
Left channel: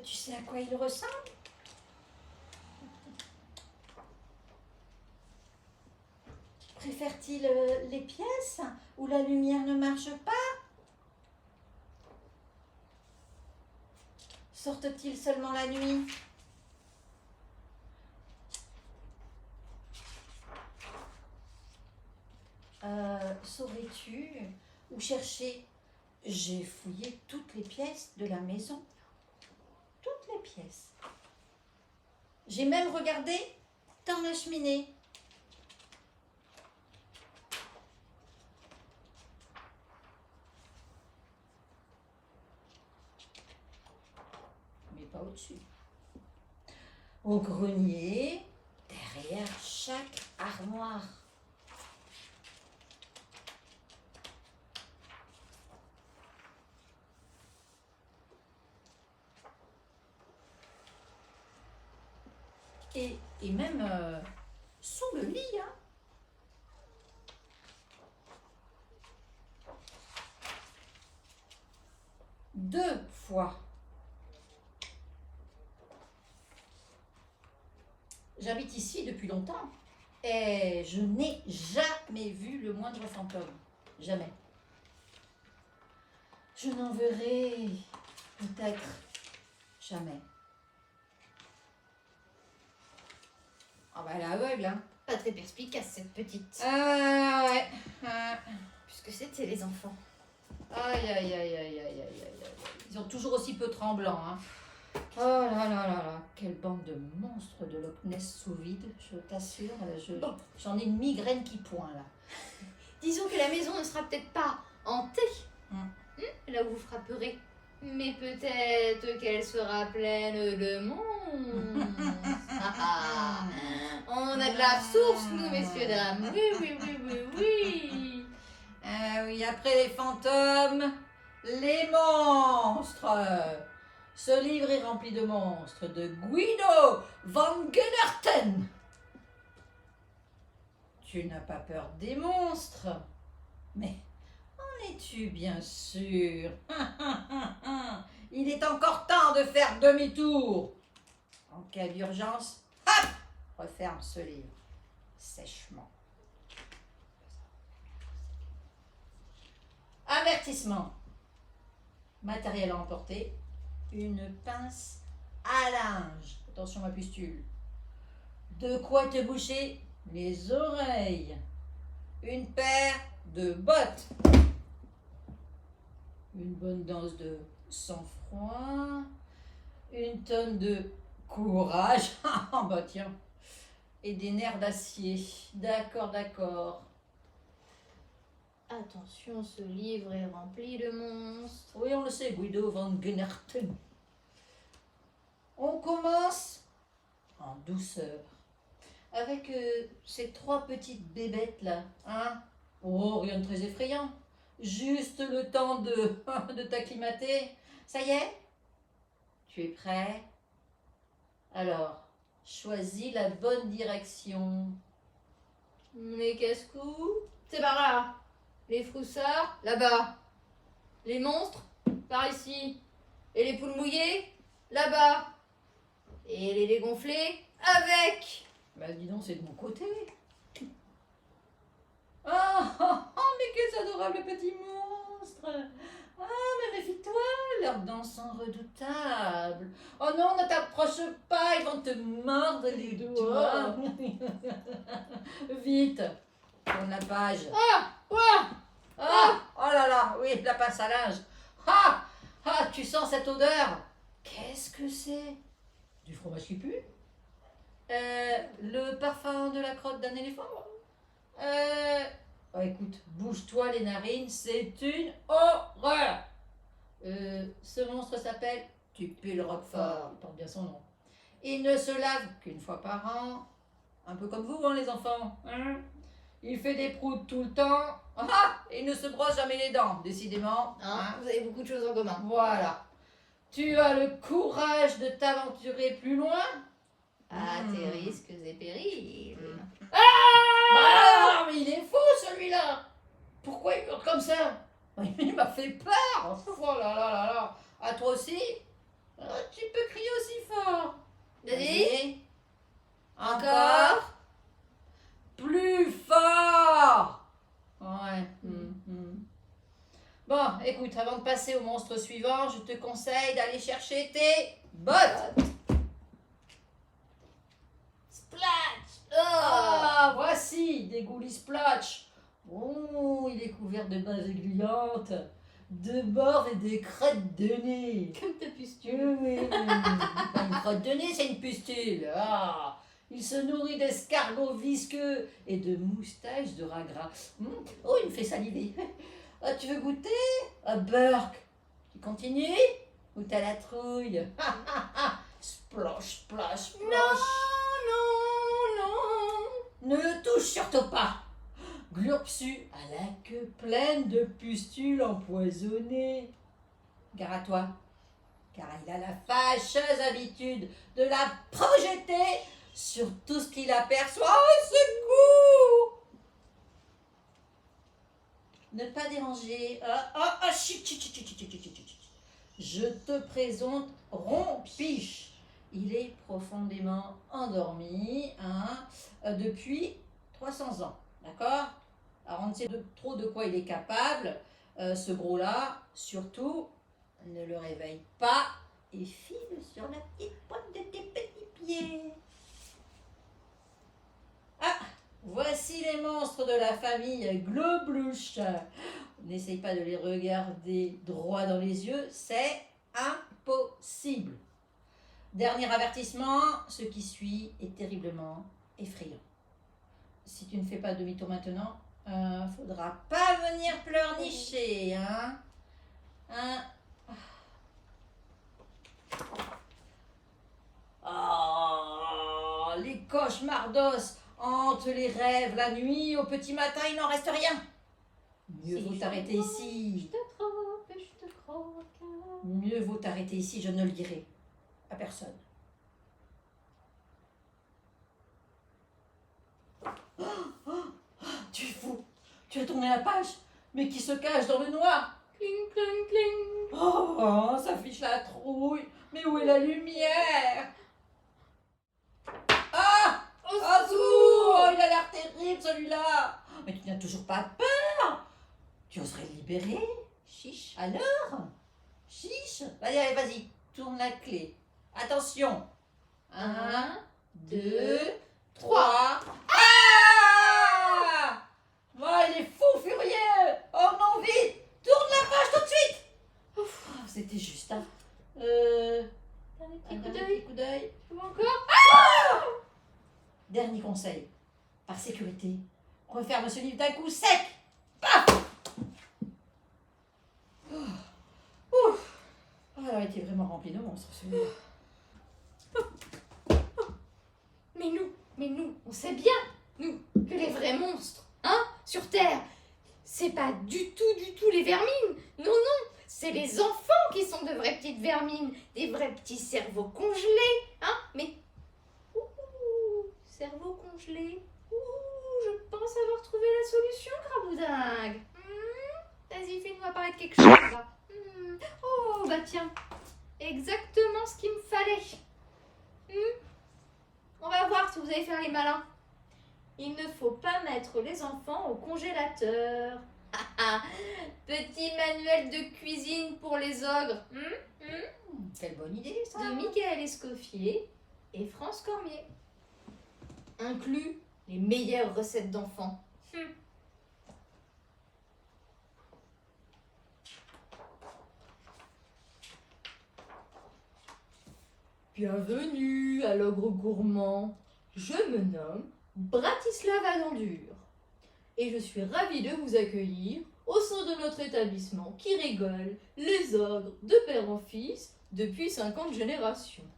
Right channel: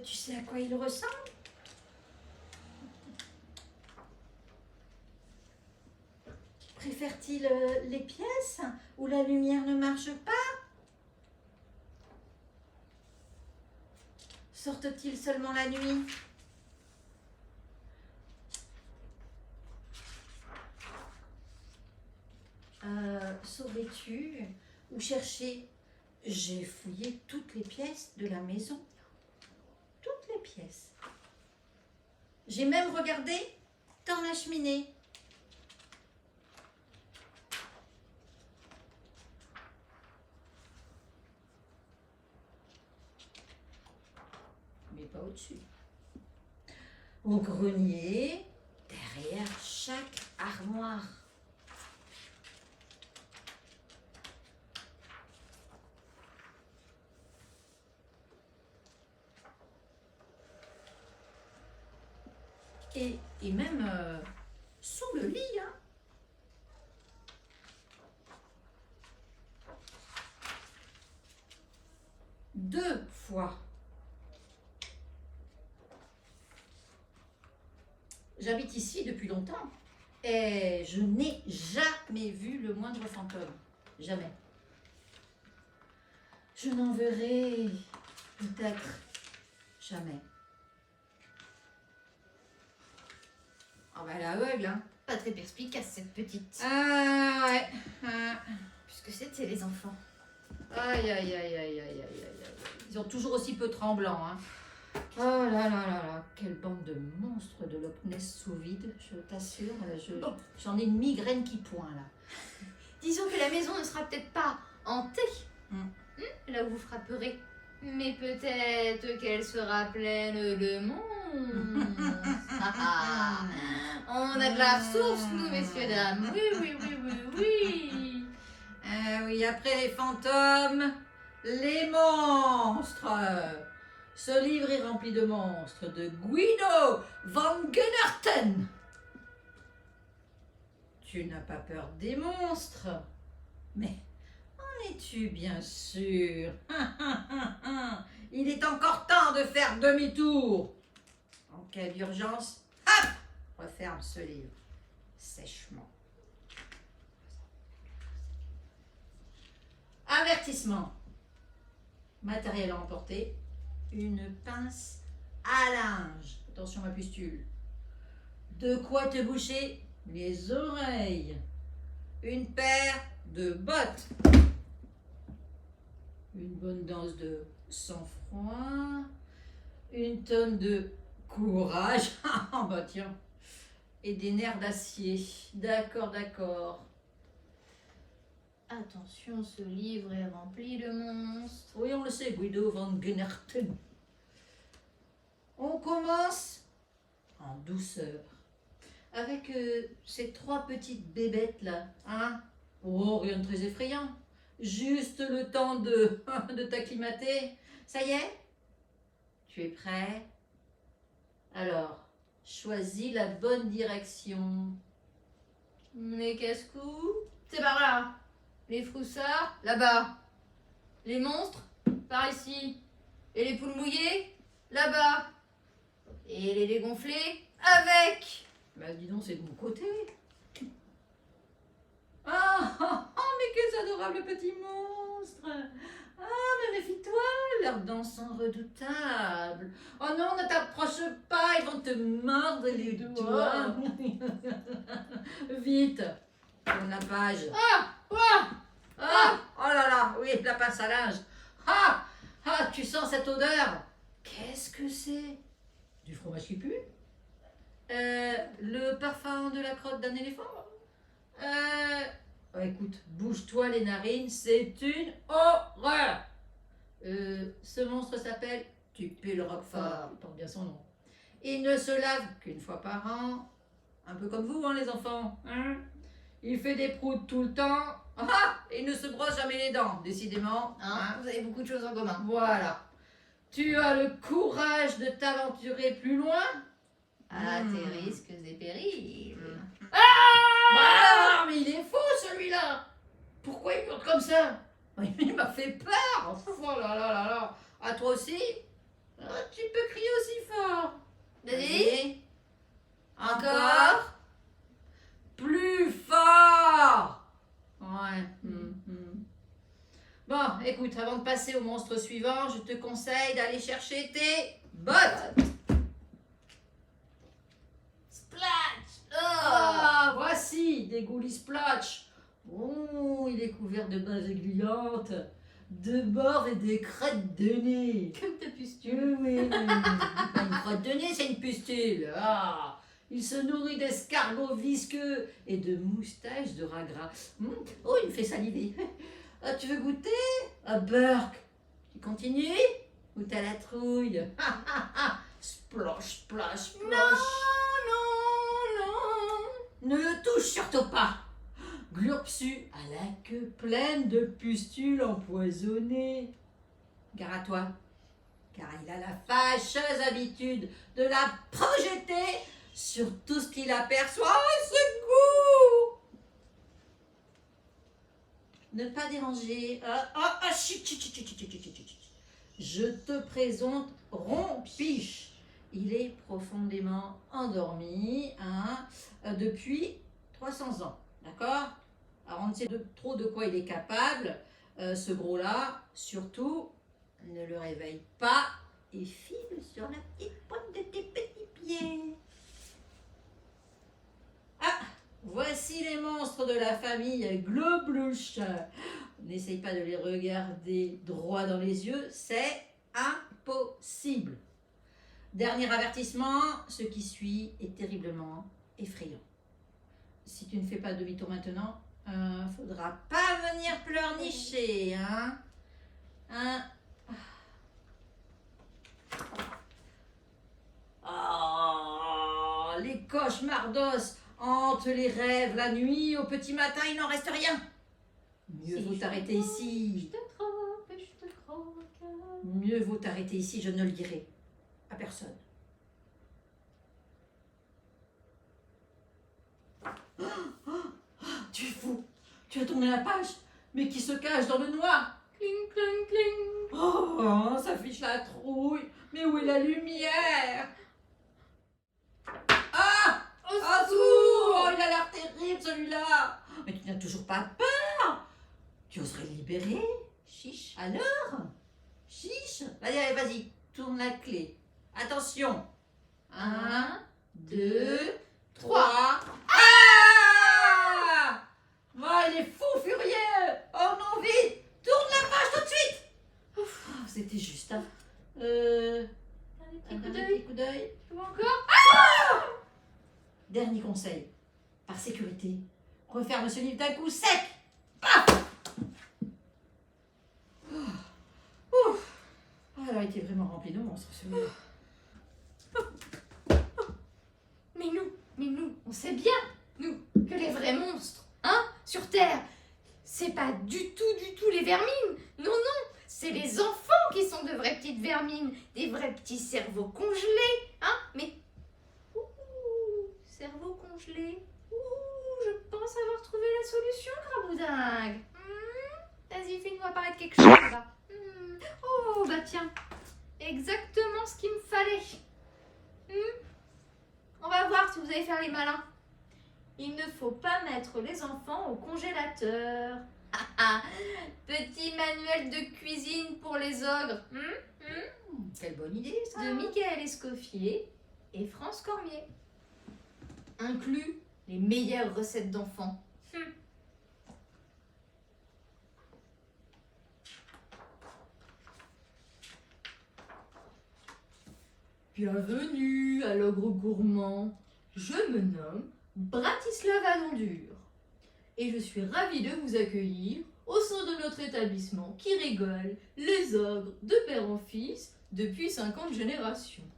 Tu sais à quoi il ressemble? Préfère-t-il les pièces où la lumière ne marche pas? Sortent-ils seulement la nuit? Saurais-tu où chercher? J'ai fouillé toutes les pièces de la maison. Toutes les pièces. J'ai même regardé dans la cheminée. Mais pas au-dessus. Au grenier, derrière chaque armoire. Et même sous le lit. Hein. Deux fois. J'habite ici depuis longtemps et je n'ai jamais vu le moindre fantôme. Jamais. Je n'en verrai peut-être jamais. Ah bah elle est aveugle, hein. Pas très perspicace cette petite. Ah ouais. Ah. Puisque c'était les enfants. Aïe, aïe, aïe, aïe, aïe, aïe, aïe, aïe. Ils sont toujours aussi peu tremblants, hein. Oh là là là là, quelle bande de monstres de Loch Ness sous vide, je t'assure. J'en ai une migraine qui pointe, là. Disons que la maison ne sera peut-être pas hantée, là où vous frapperez. Mais peut-être qu'elle sera pleine de monstres. On a de la ressource, nous, messieurs, dames. Oui, oui, oui, oui, oui. Ah oui, après les fantômes, les monstres. Ce livre est rempli de monstres de Guido van Gunnerten. Tu n'as pas peur des monstres? Mais en es-tu bien sûr? Il est encore temps de faire demi-tour. En cas d'urgence, hop, referme ce livre sèchement. Avertissement. Matériel à emporter. Une pince à linge. Attention ma pustule. De quoi te boucher les oreilles. Une paire de bottes. Une bonne dose de sang-froid. Une tonne de courage. Bah tiens. Et des nerfs d'acier. D'accord, d'accord. Attention, ce livre est rempli de monstres. Oui, on le sait, Guido van Gunnerten. On commence en douceur. Avec ces trois petites bébêtes là. Hein? Oh, rien de très effrayant. Juste le temps de t'acclimater. Ça y est? Tu es prêt? Alors, choisis la bonne direction. Les casse-cou, c'est par là. Les froussards, là-bas. Les monstres, par ici. Et les poules mouillées, là-bas. Et les dégonflés, avec. Bah dis donc, c'est de mon côté. Ah, mais quels adorables petits monstres. Ah, mais mes leurs dents sont redoutables. Oh non, ne t'approche pas, ils vont te mordre les doigts. Vite, tourne la page. Ah, oh là là, oui, la pince à linge. Tu sens cette odeur? Qu'est-ce que c'est? Du fromage qui pue? Le parfum de la crotte d'un éléphant? Écoute, bouge-toi les narines, c'est une horreur. Ce monstre s'appelle Tupu le Roquefort, il porte bien son nom. Il ne se lave qu'une fois par an, un peu comme vous, hein, les enfants. Hein? Il fait des proutes tout le temps. Il ne se brosse jamais les dents, décidément. Hein, vous avez beaucoup de choses en commun. Voilà. Tu as le courage de t'aventurer plus loin? Tes risques et périls. Mais il est fou celui-là. Pourquoi il hurle comme ça? Il m'a fait peur. Oh là là là là. À toi aussi? Tu peux crier aussi fort. Vas-y. Encore. Plus fort. Ouais. Bon, écoute, avant de passer au monstre suivant, je te conseille d'aller chercher tes bottes. Splash. Voici des goulis splash. Oh, il est couvert de bases gluantes, de bords et de crêtes de nez. Comme ta pustule. Oui. Une crotte de nez, c'est une pustule. Il se nourrit d'escargots visqueux et de moustaches de rat gras. Oh, il me fait saliver. Tu veux goûter? Burk. Tu continues? Ou t'as la trouille? Splash, splash, splash. Non. Ne touche surtout pas. Glurpsu a la queue pleine de pustules empoisonnées. Gare à toi, car il a la fâcheuse habitude de la projeter sur tout ce qu'il aperçoit. Oh, secours! Ne pas déranger. Chut. Je te présente Rompiche. Il est profondément endormi depuis 300 ans. D'accord? Alors on ne sait trop de quoi il est capable. Ce gros-là, surtout, ne le réveille pas et file sur la petite pointe de tes petits pieds. Voici les monstres de la famille Globlouche. N'essaye pas de les regarder droit dans les yeux, c'est impossible. Dernier avertissement, ce qui suit est terriblement effrayant. Si tu ne fais pas demi-tour maintenant, faudra pas venir pleurnicher, hein? Les cauchemardos hantent les rêves la nuit, au petit matin il n'en reste rien. Mieux vaut t'arrêter ici. Mieux vaut t'arrêter ici, je ne le dirai à personne. Tu es fou, tu as tourné la page, mais qui se cache dans le noir? Cling, cling, cling. Oh, ça fiche la trouille, mais où est la lumière? Il a l'air terrible celui-là. Mais tu n'as toujours pas peur? Tu oserais le libérer? Chiche. Alors? Chiche. Allez, vas-y, tourne la clé. Attention. 1, 2, 3. Il est fou, furieux. Oh non, vite. Tourne la page tout de suite. C'était juste, hein. Un petit coup d'œil. Tu vois encore? Dernier conseil. Par sécurité, referme ce livre d'un coup sec. Elle a été vraiment remplie de monstres, celui-là. Mais nous, on sait bien, nous, que les vrais monstres, sur Terre, c'est pas du tout les vermines. Non, c'est les enfants qui sont de vraies petites vermines, des vrais petits cerveaux congelés, mais... cerveau congelé. Je pense avoir trouvé la solution, Craboudingue. Vas-y, fais-nous apparaître quelque chose là. Oh, bah tiens, exactement ce qu'il me fallait. On va voir si vous allez faire les malins. Il ne faut pas mettre les enfants au congélateur. Petit manuel de cuisine pour les ogres. Quelle bonne idée, ça. De Michael Escoffier et France Cormier. Inclut les meilleures recettes d'enfants. Bienvenue à l'ogre gourmand. Je me nomme Bratislav Alendur et je suis ravie de vous accueillir au sein de notre établissement qui rigole les ogres de père en fils depuis 50 générations.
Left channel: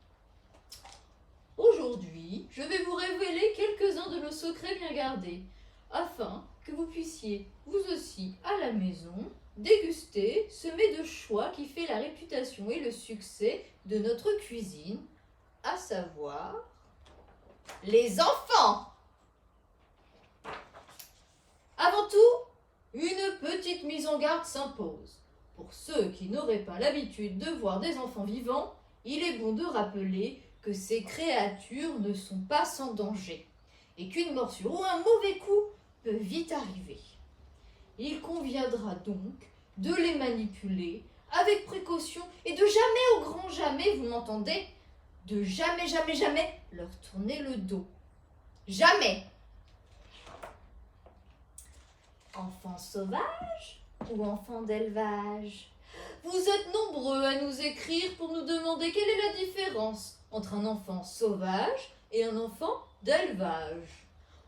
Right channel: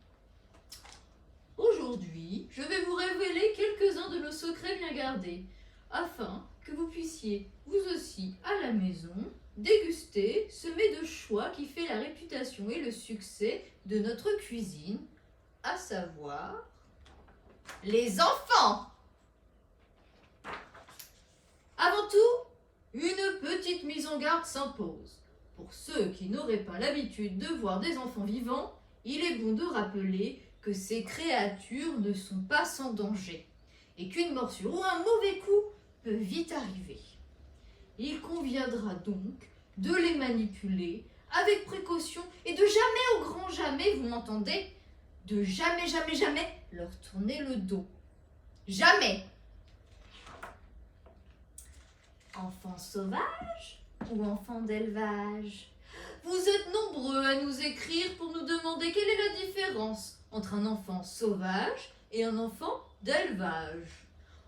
Aujourd'hui, je vais vous révéler quelques-uns de nos secrets bien gardés afin que vous puissiez, vous aussi, à la maison, déguster ce mets de choix qui fait la réputation et le succès de notre cuisine, à savoir les enfants. Avant tout, une petite mise en garde s'impose. Pour ceux qui n'auraient pas l'habitude de voir des enfants vivants, il est bon de rappeler que ces créatures ne sont pas sans danger et qu'une morsure ou un mauvais coup peut vite arriver. Il conviendra donc de les manipuler avec précaution et de jamais au grand jamais, vous m'entendez, de jamais leur tourner le dos. Jamais. Enfants sauvages ou enfants d'élevage? Vous êtes nombreux à nous écrire pour nous demander quelle est la différence entre un enfant sauvage et un enfant d'élevage.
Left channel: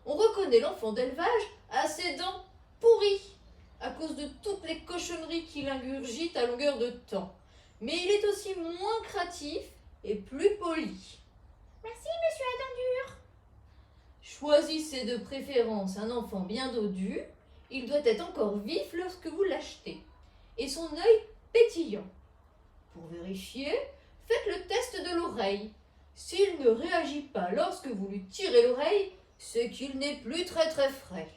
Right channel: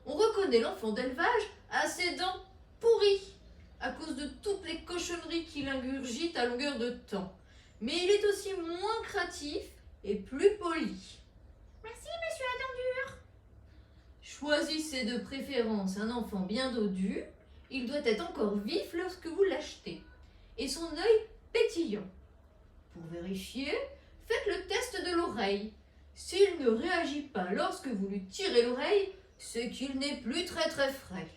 On reconnaît l'enfant d'élevage à ses dents pourries à cause de toutes les cochonneries qu'il ingurgite à longueur de temps. Mais il est aussi moins craintif et plus poli. Merci, monsieur Alendur. Choisissez de préférence un enfant bien dodu. Il doit être encore vif lorsque vous l'achetez et son œil pétillant. Pour vérifier, faites le test de l'oreille. S'il ne réagit pas lorsque vous lui tirez l'oreille, c'est qu'il n'est plus très frais.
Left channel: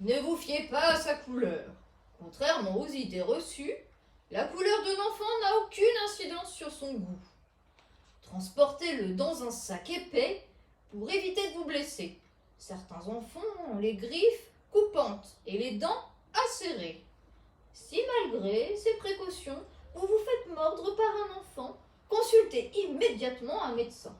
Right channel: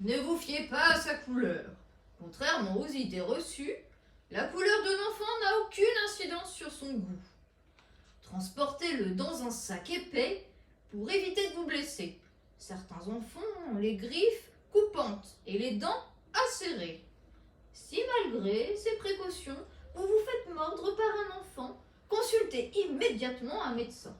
Ne vous fiez pas à sa couleur. Contrairement aux idées reçues, la couleur d'un enfant n'a aucune incidence sur son goût. Transportez-le dans un sac épais pour éviter de vous blesser. Certains enfants ont les griffes coupantes et les dents acérées. Si malgré ces précautions, vous vous faites mordre par un enfant, consultez immédiatement un médecin.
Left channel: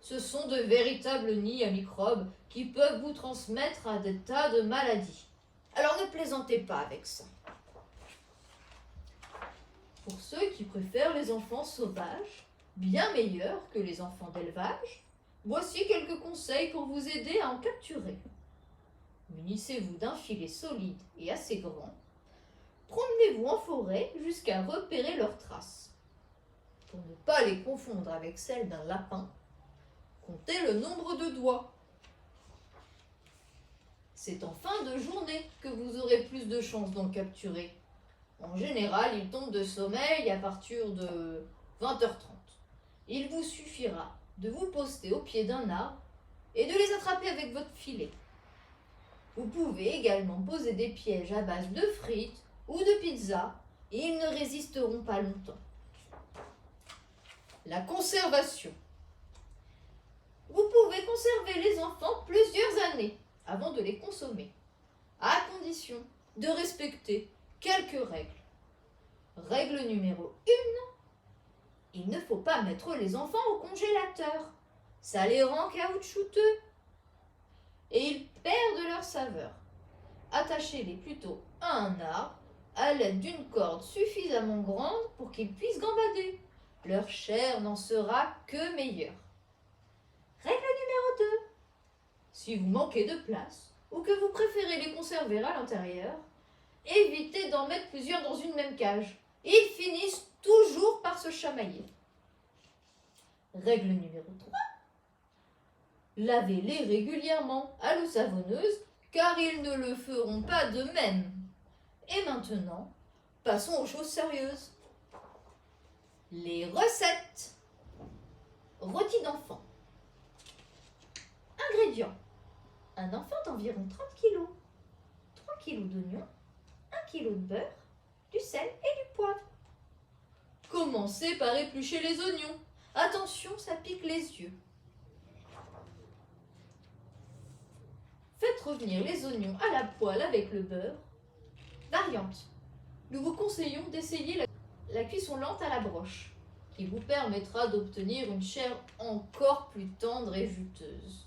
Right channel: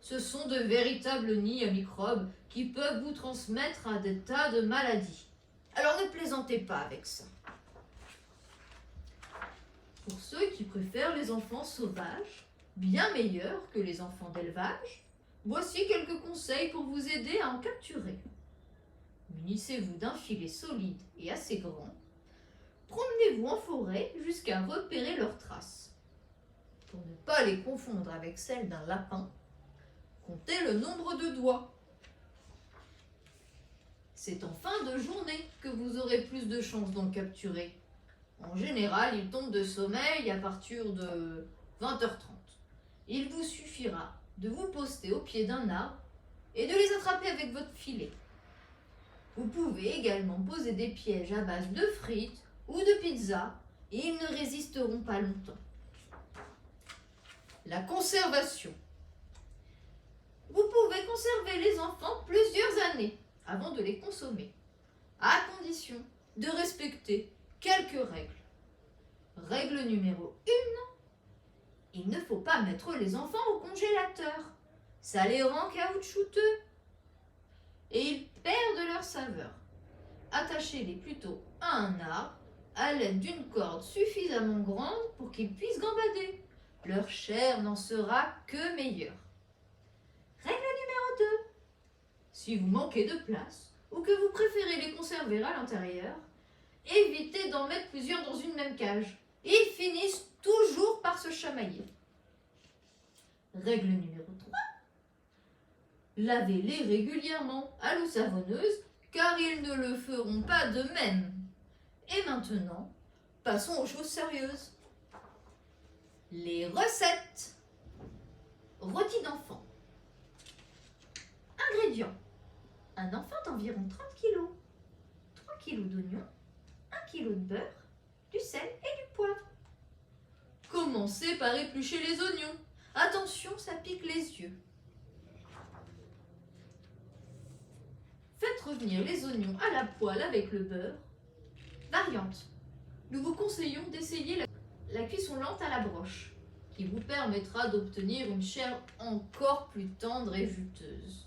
Ce sont de véritables nids à microbes qui peuvent vous transmettre à des tas de maladies. Alors ne plaisantez pas avec ça. Pour ceux qui préfèrent les enfants sauvages, bien meilleurs que les enfants d'élevage, voici quelques conseils pour vous aider à en capturer. Munissez-vous d'un filet solide et assez grand. Promenez-vous en forêt jusqu'à repérer leurs traces. Pour ne pas les confondre avec celles d'un lapin, comptez le nombre de doigts. C'est en fin de journée que vous aurez plus de chances d'en capturer. En général, ils tombent de sommeil à partir de 20h30. Il vous suffira de vous poster au pied d'un arbre et de les attraper avec votre filet. Vous pouvez également poser des pièges à base de frites ou de pizza et ils ne résisteront pas longtemps. La conservation. Vous pouvez conserver les enfants plusieurs années avant de les consommer, à condition de respecter quelques règles. Règle numéro 1, il ne faut pas mettre les enfants au congélateur. Ça les rend caoutchouteux et ils perdent leur saveur. Attachez-les plutôt à un arbre à l'aide d'une corde suffisamment grande pour qu'ils puissent gambader. Leur chair n'en sera que meilleure. Règle numéro 2. Si vous manquez de place ou que vous préférez les conserver à l'intérieur, évitez d'en mettre plusieurs dans une même cage. Ils finissent toujours par se chamailler. Règle numéro 3. Lavez-les régulièrement à l'eau savonneuse car ils ne le feront pas de même. Et maintenant, passons aux choses sérieuses. Les recettes. Rôti d'enfant. Ingrédients. Un enfant d'environ 30 kg. 3 kg d'oignons. 1 kg de beurre. Du sel et du poivre. Commencez par éplucher les oignons. Attention, ça pique les yeux. Faites revenir les oignons à la poêle avec le beurre. Variante. Nous vous conseillons d'essayer la cuisson lente à la broche, qui vous permettra d'obtenir une chair encore plus tendre et juteuse.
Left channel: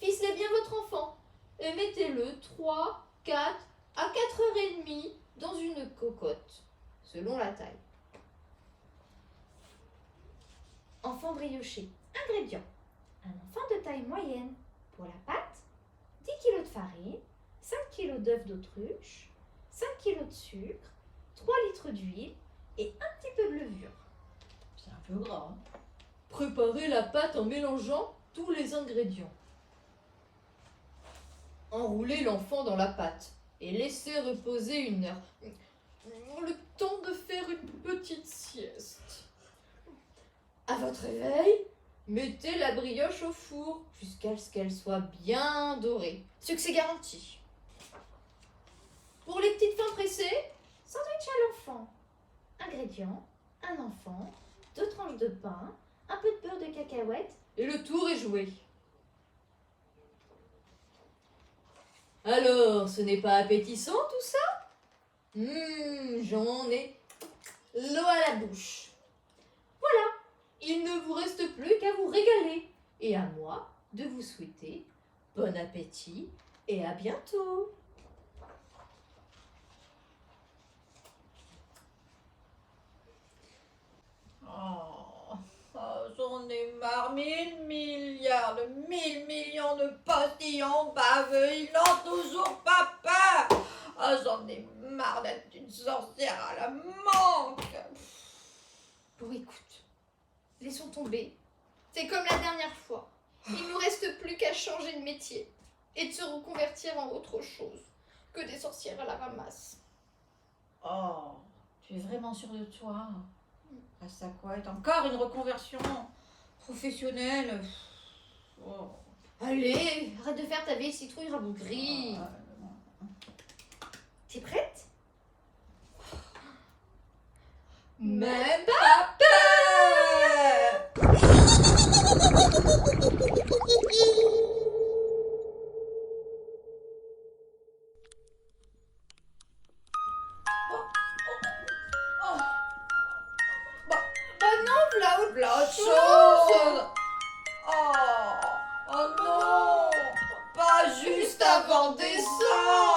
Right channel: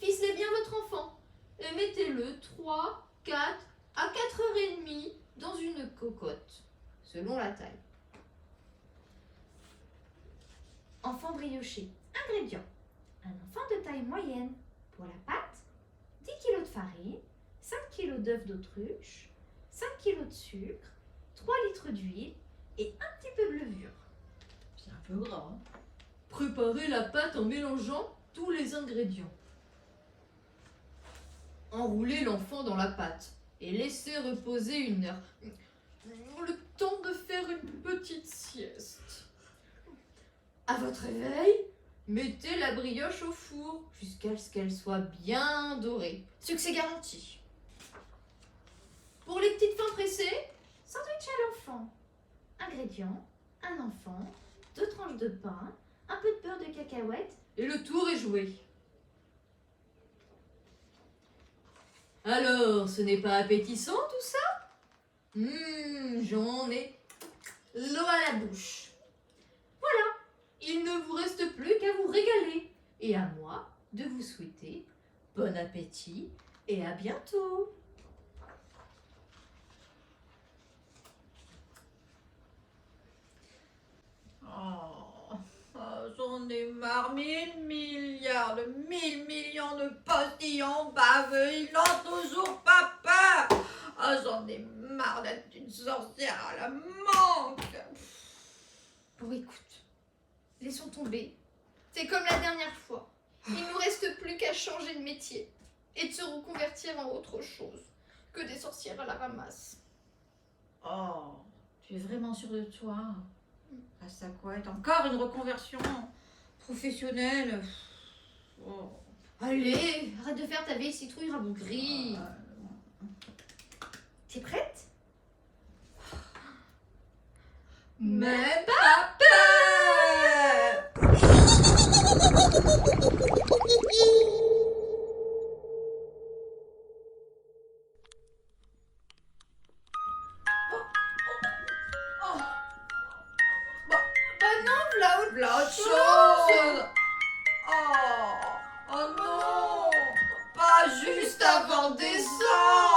Ficelez bien votre enfant et mettez-le 3, 4 à 4h30 dans une cocotte, selon la taille. Enfant brioché. Ingrédients. Un enfant de taille moyenne. Pour la pâte, 10 kg de farine, 5 kg d'œufs d'autruche, 5 kg de sucre, 3 litres d'huile et un petit peu de levure. C'est un peu gras. Hein. Préparez la pâte en mélangeant tous les ingrédients. Enroulez l'enfant dans la pâte et laissez reposer 1 heure. Le temps de faire une petite sieste. À votre réveil, mettez la brioche au four jusqu'à ce qu'elle soit bien dorée. Succès garanti. Pour les petites fins pressées, sandwich à l'enfant. Ingrédients, un enfant, 2 tranches de pain, un peu de beurre de cacahuète et le tour est joué. Alors, ce n'est pas appétissant tout ça? J'en ai l'eau à la bouche. Voilà, il ne vous reste plus qu'à vous régaler et à moi de vous souhaiter bon appétit et à bientôt. J'en ai marre, 1000 milliards, de 1000 millions de postillons baveux, ils n'ont toujours pas peur. J'en ai marre d'être une sorcière à la manque. Bon, écoute, laissons tomber. C'est comme la dernière fois. Il ne nous reste plus qu'à changer de métier et de se reconvertir en autre chose que des sorcières à la ramasse. Oh, tu es vraiment sûre de toi? Rastaquouette, encore une reconversion professionnelle. Oh. Allez, arrête de faire ta vieille citrouille rabougrie. T'es prête? Même pas peur. La chose. Oh non, pas juste avant décembre.